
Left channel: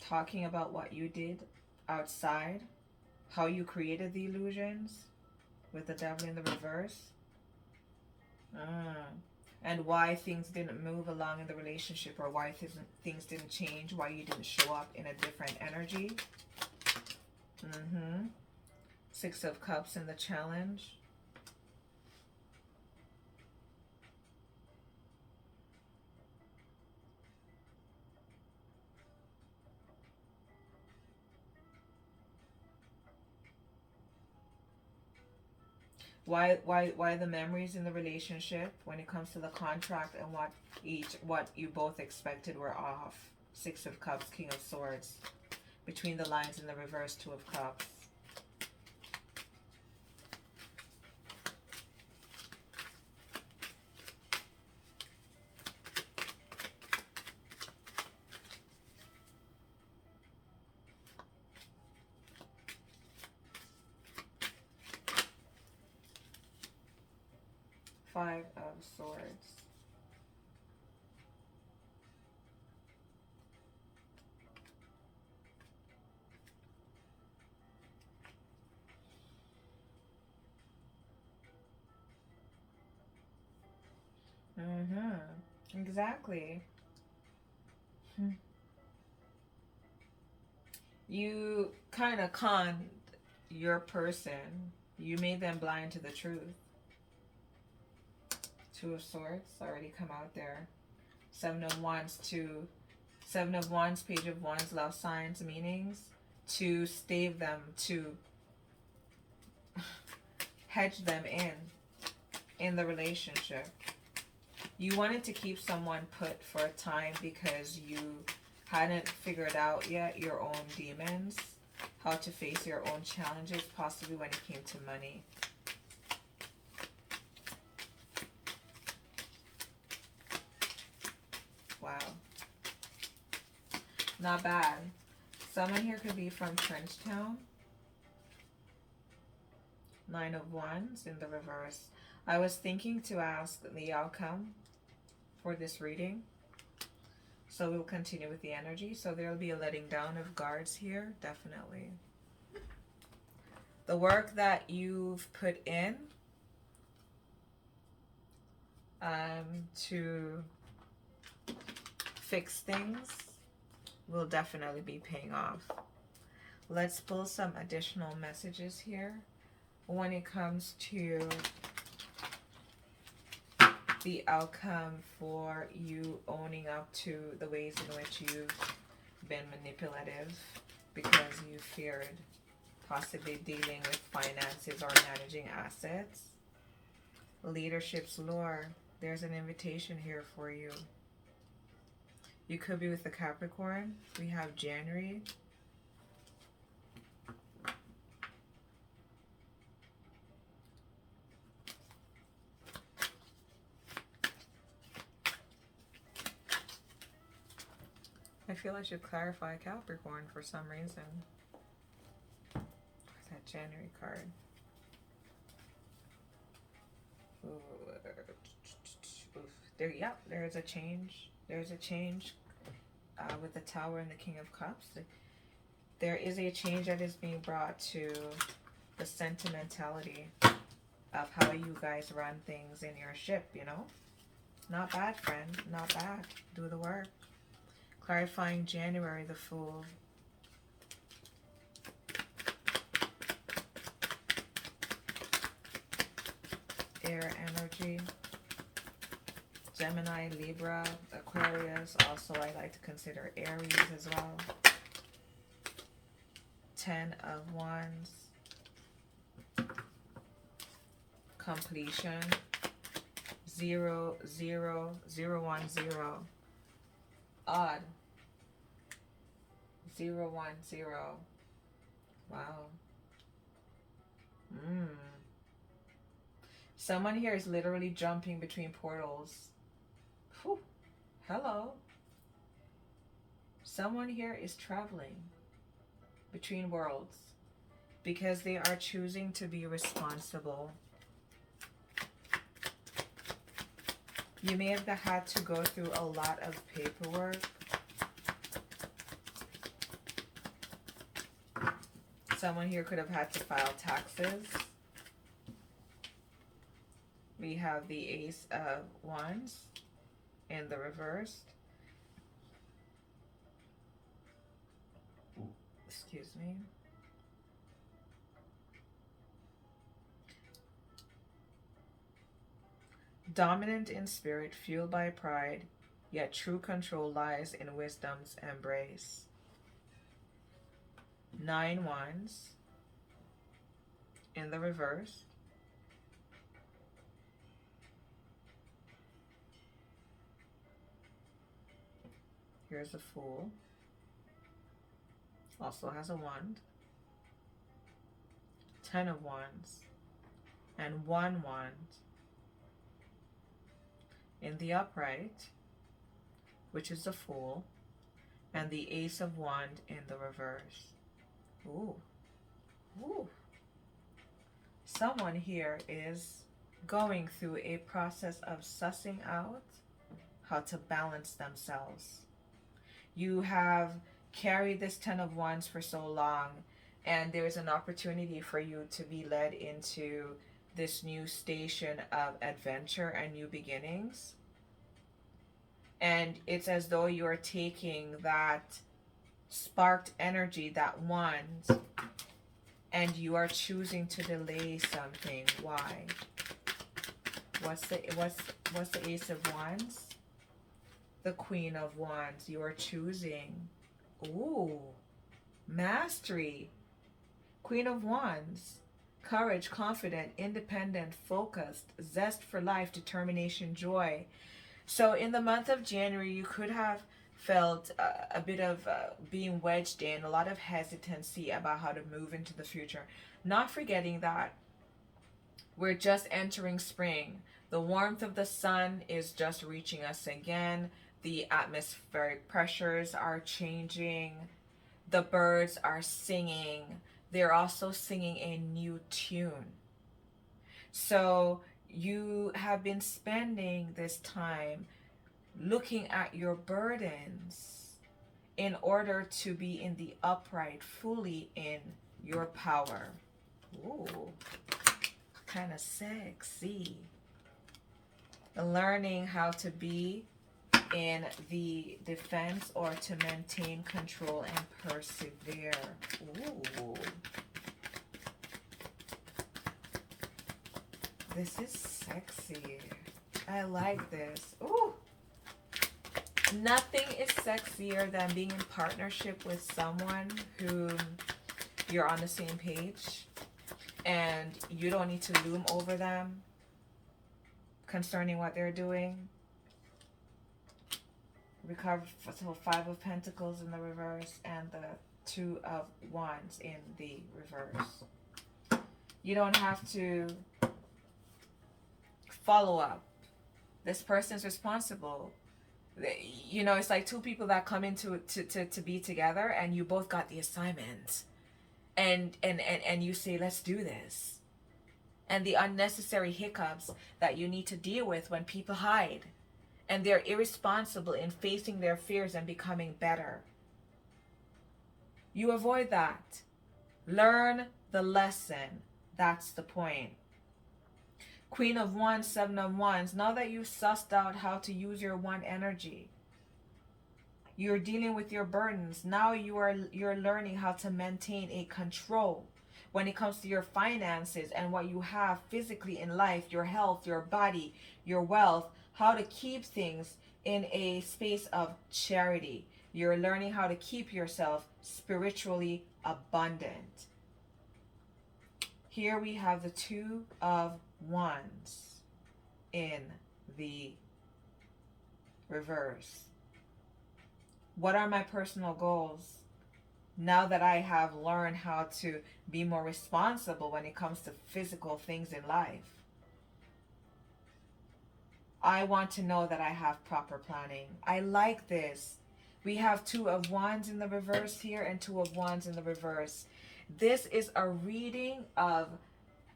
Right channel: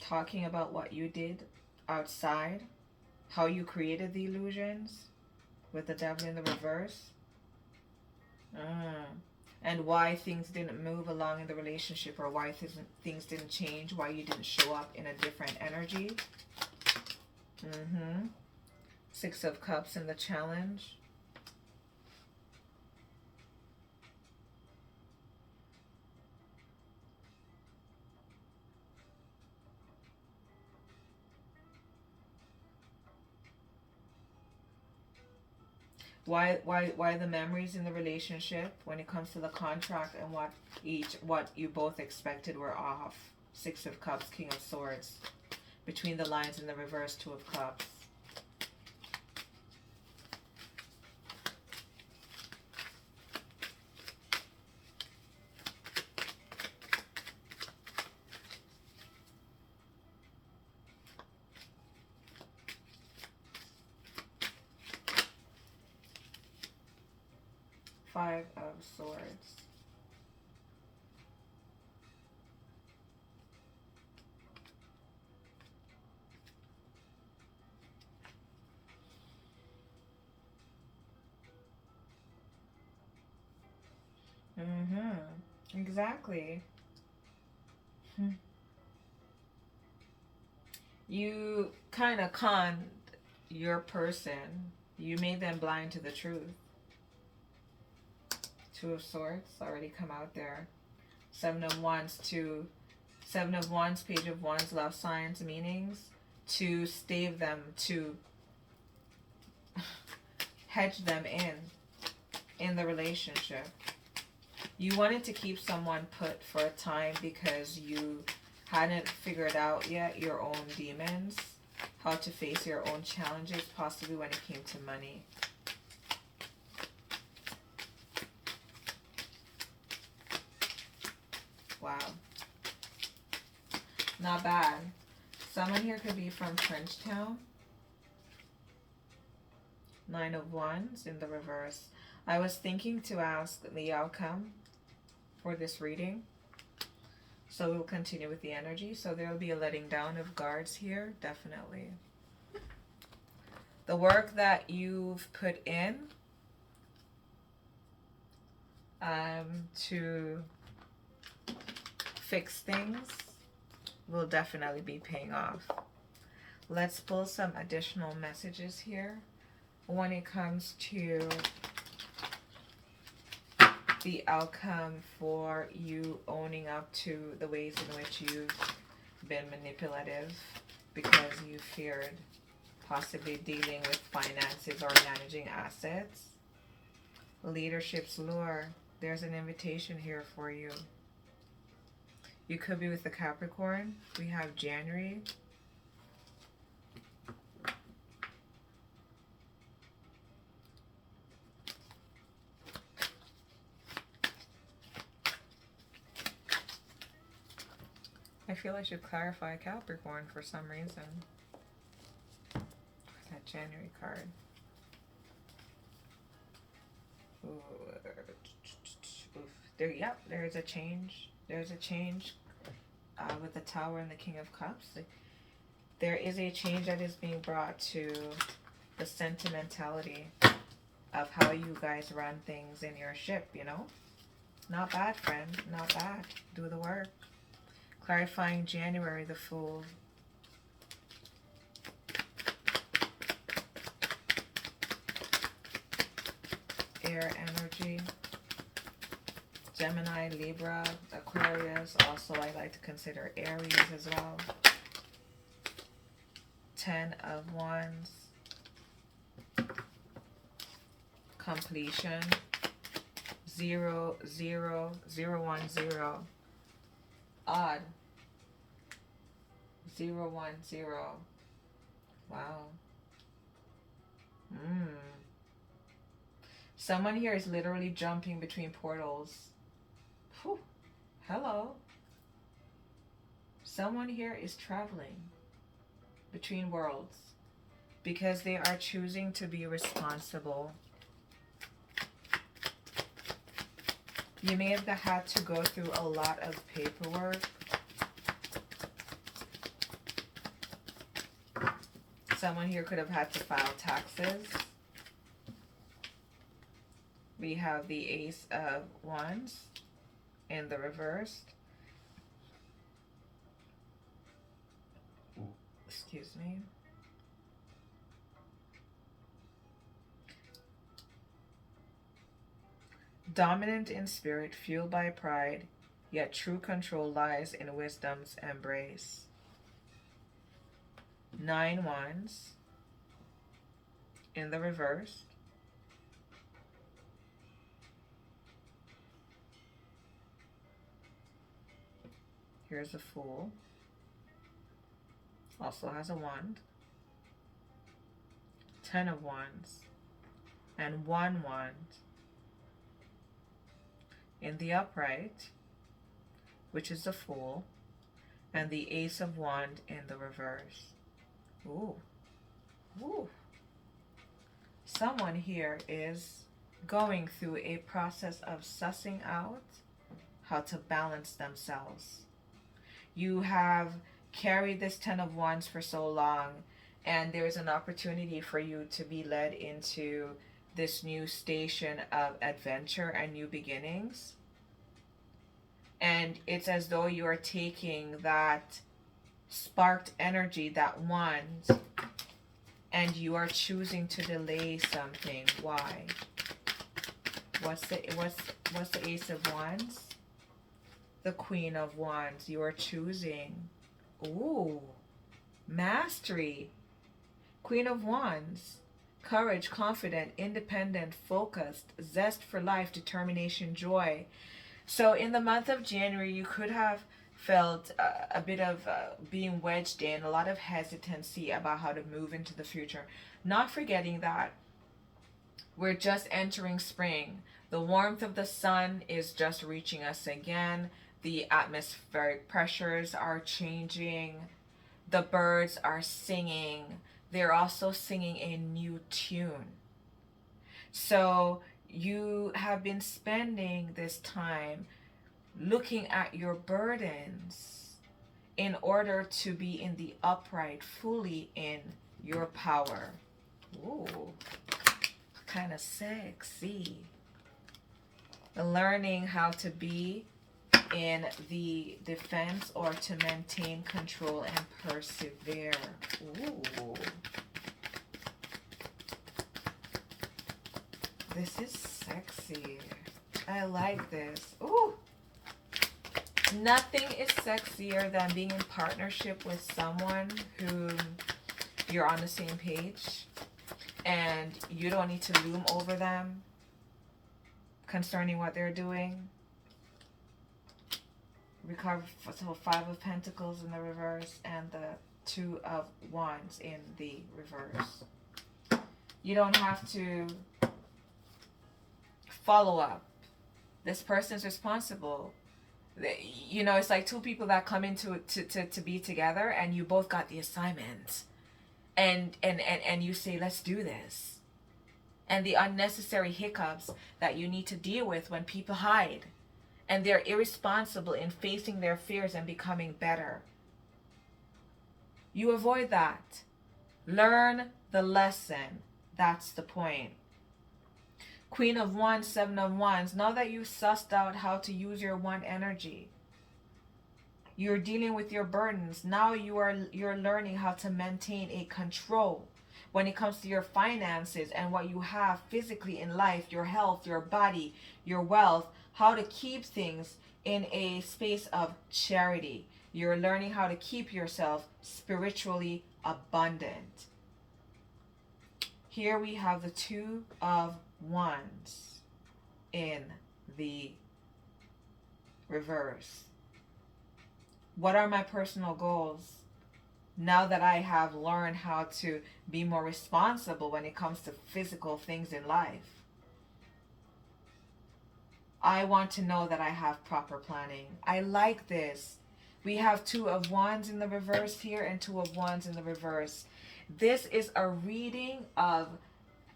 Talking about what you did outside. How you created the illusions. With the Devil in the reverse. And why things didn't move along in the relationship, or why things didn't change, why you didn't show up in a different energy. Six of Cups in the challenge. Why the memories in the relationship when it comes to the contract and what you both expected were off. Six of Cups, King of Swords. Between the lines in the reverse, Two of Cups. Five of Swords. Exactly. You kind of conned your person. You made them blind to the truth. Two of Swords already come out there. Seven of Wands, Seven of Wands, Page of Wands, love signs, meanings. To stave them, to hedge them in the relationship. You wanted to keep someone put for a time because you hadn't figured out yet your own demons, how to face your own challenges, possibly when it came to money. Wow. Not bad. Someone here could be from Frenchtown. Nine of Wands in the reverse. I was thinking to ask the outcome for this reading. So we'll continue with the energy. So there'll be a letting down of guards here, definitely. The work that you've put in to fix things will definitely be paying off. Let's pull some additional messages here when it comes to the outcome for you owning up to the ways in which you've been manipulative because you feared possibly dealing with finances or managing assets. Leadership's lure. There's an invitation here for you. You could be with the Capricorn. We have January. I feel I should clarify Capricorn for some reason. That January card. Yep, there's a change. There's a change with the Tower and the King of Cups. There is a change that is being brought to the sentimentality of how you guys run things in your ship, you know? Not bad, friend. Not bad. Do the work. Clarifying January, the Fool. Air energy. Gemini, Libra, Aquarius. Also, I like to consider Aries as well. 10 of Wands. Completion. 0, 0, 0, 1, 0. Odd. 0, 1, 0. Wow. Someone here is literally jumping between portals. Whew. Hello. Someone here is traveling between worlds because they are choosing to be responsible. You may have had to go through a lot of paperwork. Someone here could have had to file taxes. We have the Ace of Wands in the reversed. Excuse me. Dominant in spirit, fueled by pride, yet true control lies in wisdom's embrace. 9 Wands in the reverse. Here's the Fool. Also has a wand. 10 of Wands and 1 wand in the upright, which is the Fool, and the Ace of Wand in the reverse. Ooh. Ooh. Someone here is going through a process of sussing out how to balance themselves. You have carried this 10 of Wands for so long, and there's an opportunity for you to be led into this new station of adventure and new beginnings. And it's as though you are taking that sparked energy, that wand, and you are choosing to delay something. Why? What's the Ace of Wands? The Queen of Wands. You are choosing. Ooh, mastery. Queen of Wands. Courage, confident, independent, focused, zest for life, determination, joy. So in the month of January, you could have felt a bit of being wedged in, a lot of hesitancy about how to move into the future. Not forgetting that we're just entering spring. The warmth of the sun is just reaching us again. The atmospheric pressures are changing. The birds are singing. They're also singing a new tune. So you have been spending this time looking at your burdens in order to be in the upright, fully in your power. Ooh, kind of sexy. Learning how to be in the defense or to maintain control and persevere. Ooh. This is sexy. I like this. Ooh. Nothing is sexier than being in partnership with someone who you're on the same page and you don't need to loom over them concerning what they're doing. Recover, so 5 of Pentacles in the reverse and the 2 of Wands in the reverse. You don't have to follow up. This person's responsible. You know, it's like two people that come into it to be together, and you both got the assignment, and you say, let's do this. And the unnecessary hiccups that you need to deal with when people hide and they're irresponsible in facing their fears and becoming better. You avoid that. Learn the lesson. That's the point. Queen of Wands, 7 of Wands. Now that you've sussed out how to use your wand energy, you're dealing with your burdens. Now you're learning how to maintain a control. when it comes to your finances and what you have physically in life, your health, your body, your wealth, how to keep things in a space of charity. You're learning how to keep yourself spiritually abundant. Here we have the Two of Wands in the reverse. What are my personal goals now that I have learned how to be more responsible when it comes to physical things in life? I want to know that I have proper planning. I like this. We have Two of Wands in the reverse here and Two of Wands in the reverse. This is a reading of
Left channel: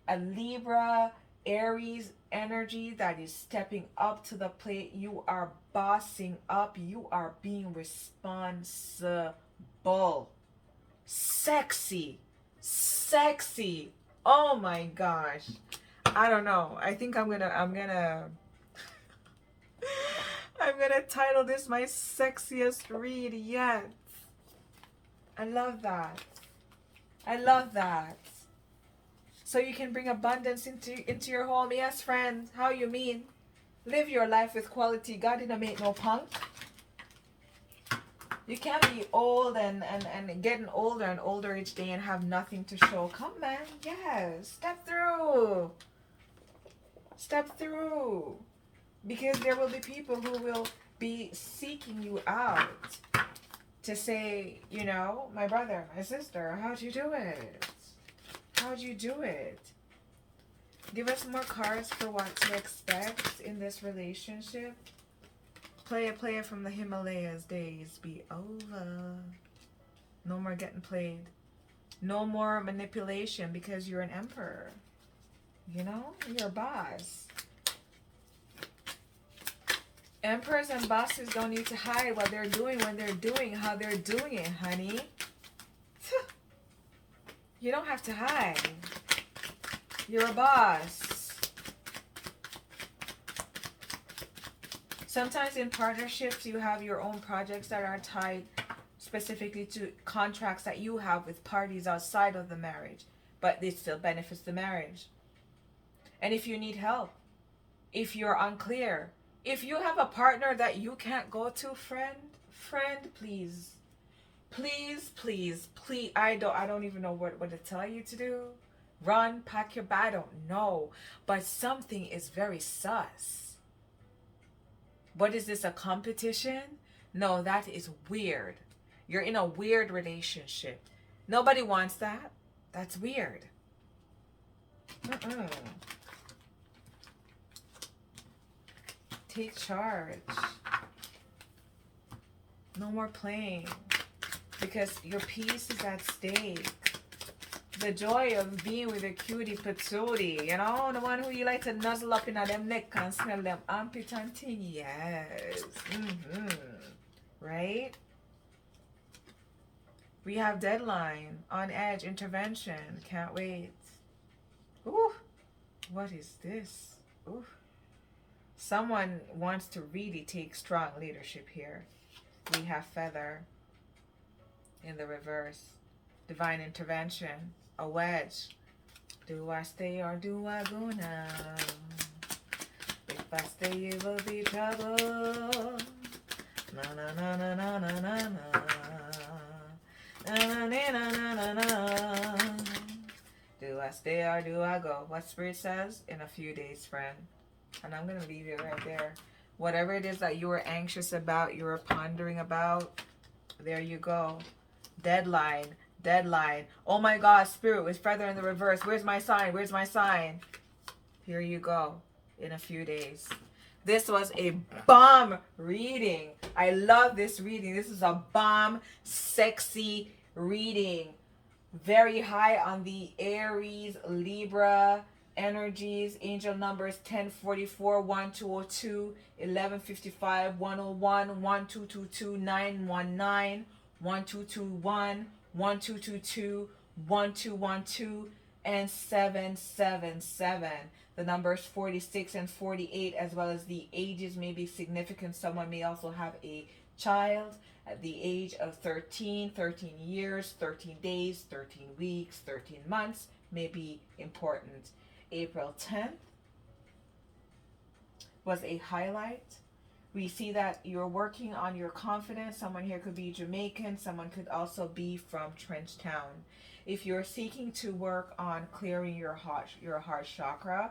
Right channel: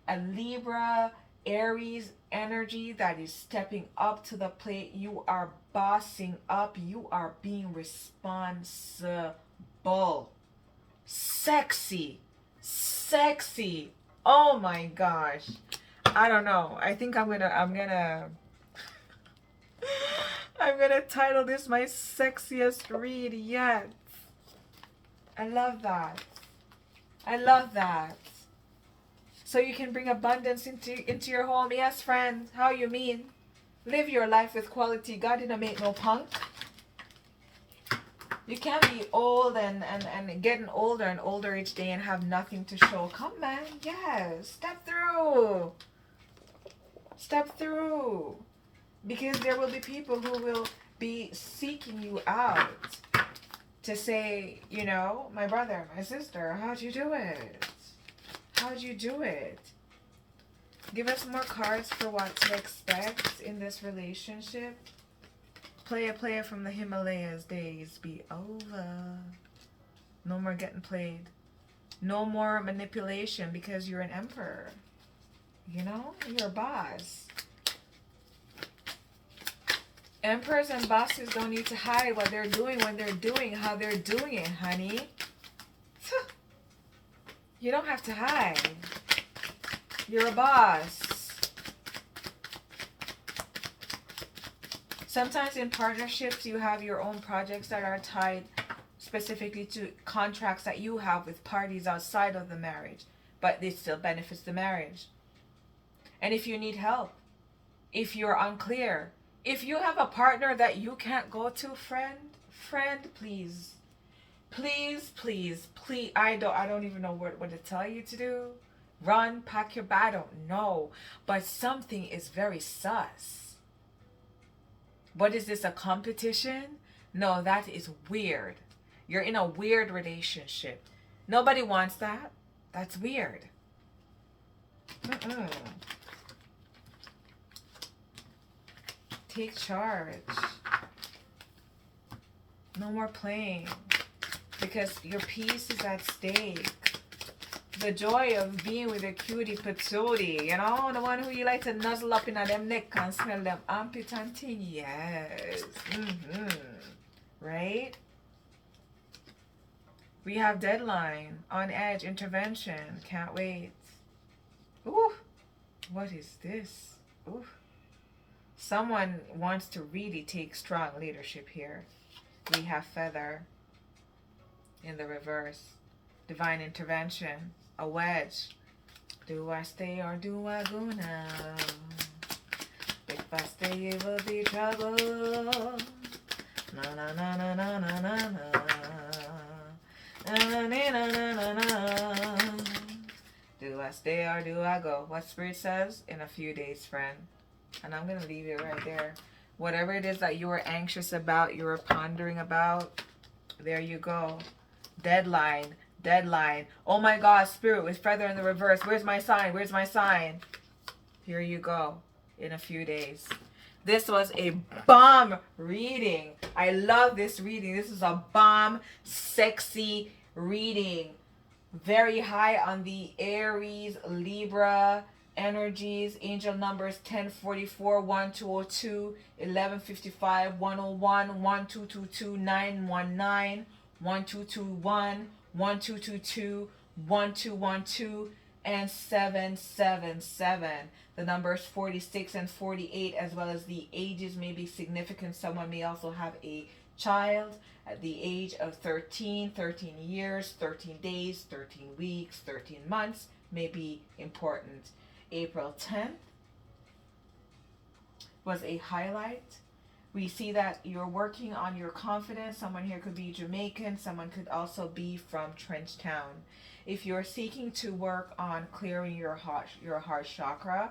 a Libra, Aries energy that is stepping up to the plate. You are bossing up. You are being responsible. Sexy. Sexy. Oh my gosh. I don't know. I think I'm gonna title this my sexiest read yet. I love that. I love that. So you can bring abundance into your home. Yes, friend. How you mean? Live your life with quality. God didn't make no punk. You can't be old and getting older and older each day and have nothing to show. Come, man. Yes. Step through. Step through. Because there will be people who will be seeking you out to say, you know, my brother, my sister, how'd you do it? How'd you do it? Give us more cards for what to expect in this relationship. Player from the Himalayas days be over. No more getting played. No more manipulation because you're an emperor. You know, you're a boss. Emperors and bosses don't need to hide what they're doing when they're doing how they're doing it, honey. You don't have to hide. You're a boss. Sometimes in partnerships, you have your own projects that are tied specifically to contracts that you have with parties outside of the marriage, but it still benefits the marriage. And if you need help, if you're unclear, if you have a partner that you can't go to, friend, please. Please. I don't even know what to tell you to do. Run, pack your bag, I don't know. But something is very sus. What is this, a competition? No, that is weird. You're in a weird relationship. Nobody wants that. That's weird. Take charge. No more playing. Because your peace is at stake. The joy of being with a cutie patootie, you know, the one who you like to nuzzle up in them neck and smell them armpit and thing. Yes. Right? We have deadline, on edge, intervention. Can't wait. Ooh. What is this? Ooh. Someone wants to really take strong leadership here. We have feather in the reverse. Divine intervention. A wedge. Do I stay or do I go now? If I stay, it will be trouble. Na na na na na na na na. Na na na na na na. Do I stay or do I go? What Spirit says? In a few days, friend. And I'm going to leave it right there. Whatever it is that you were anxious about, you were pondering about, there you go. Deadline. Oh my God, Spirit, with feather in the reverse. Where's my sign? Here you go. In a few days. This was a bomb reading. I love this reading. This is a bomb, sexy reading. Very high on the Aries, Libra energies. Angel numbers 1044, 1202, 1155, 101, 1222, 919, 1221, 1222, 1212, and 777. The numbers 46 and 48, as well as the ages may be significant. Someone may also have a child at the age of 13 years, 13 days, 13 weeks, 13 months may be important. April 10th was a highlight. We see that you're working on your confidence. Someone here could be Jamaican. Someone could also be from Trenchtown. If you're seeking to work on clearing your heart chakra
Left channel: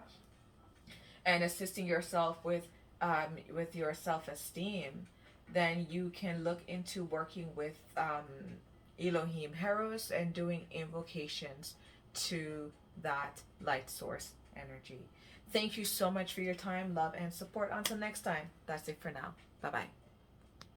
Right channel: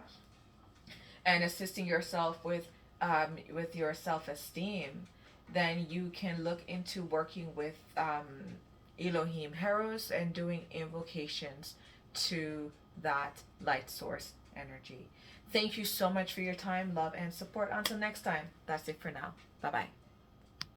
and assisting yourself with your self-esteem, then you can look into working with Elohim Heros and doing invocations to that light source energy. Thank you so much for your time, love, and support. Until next time, that's it for now. Bye-bye.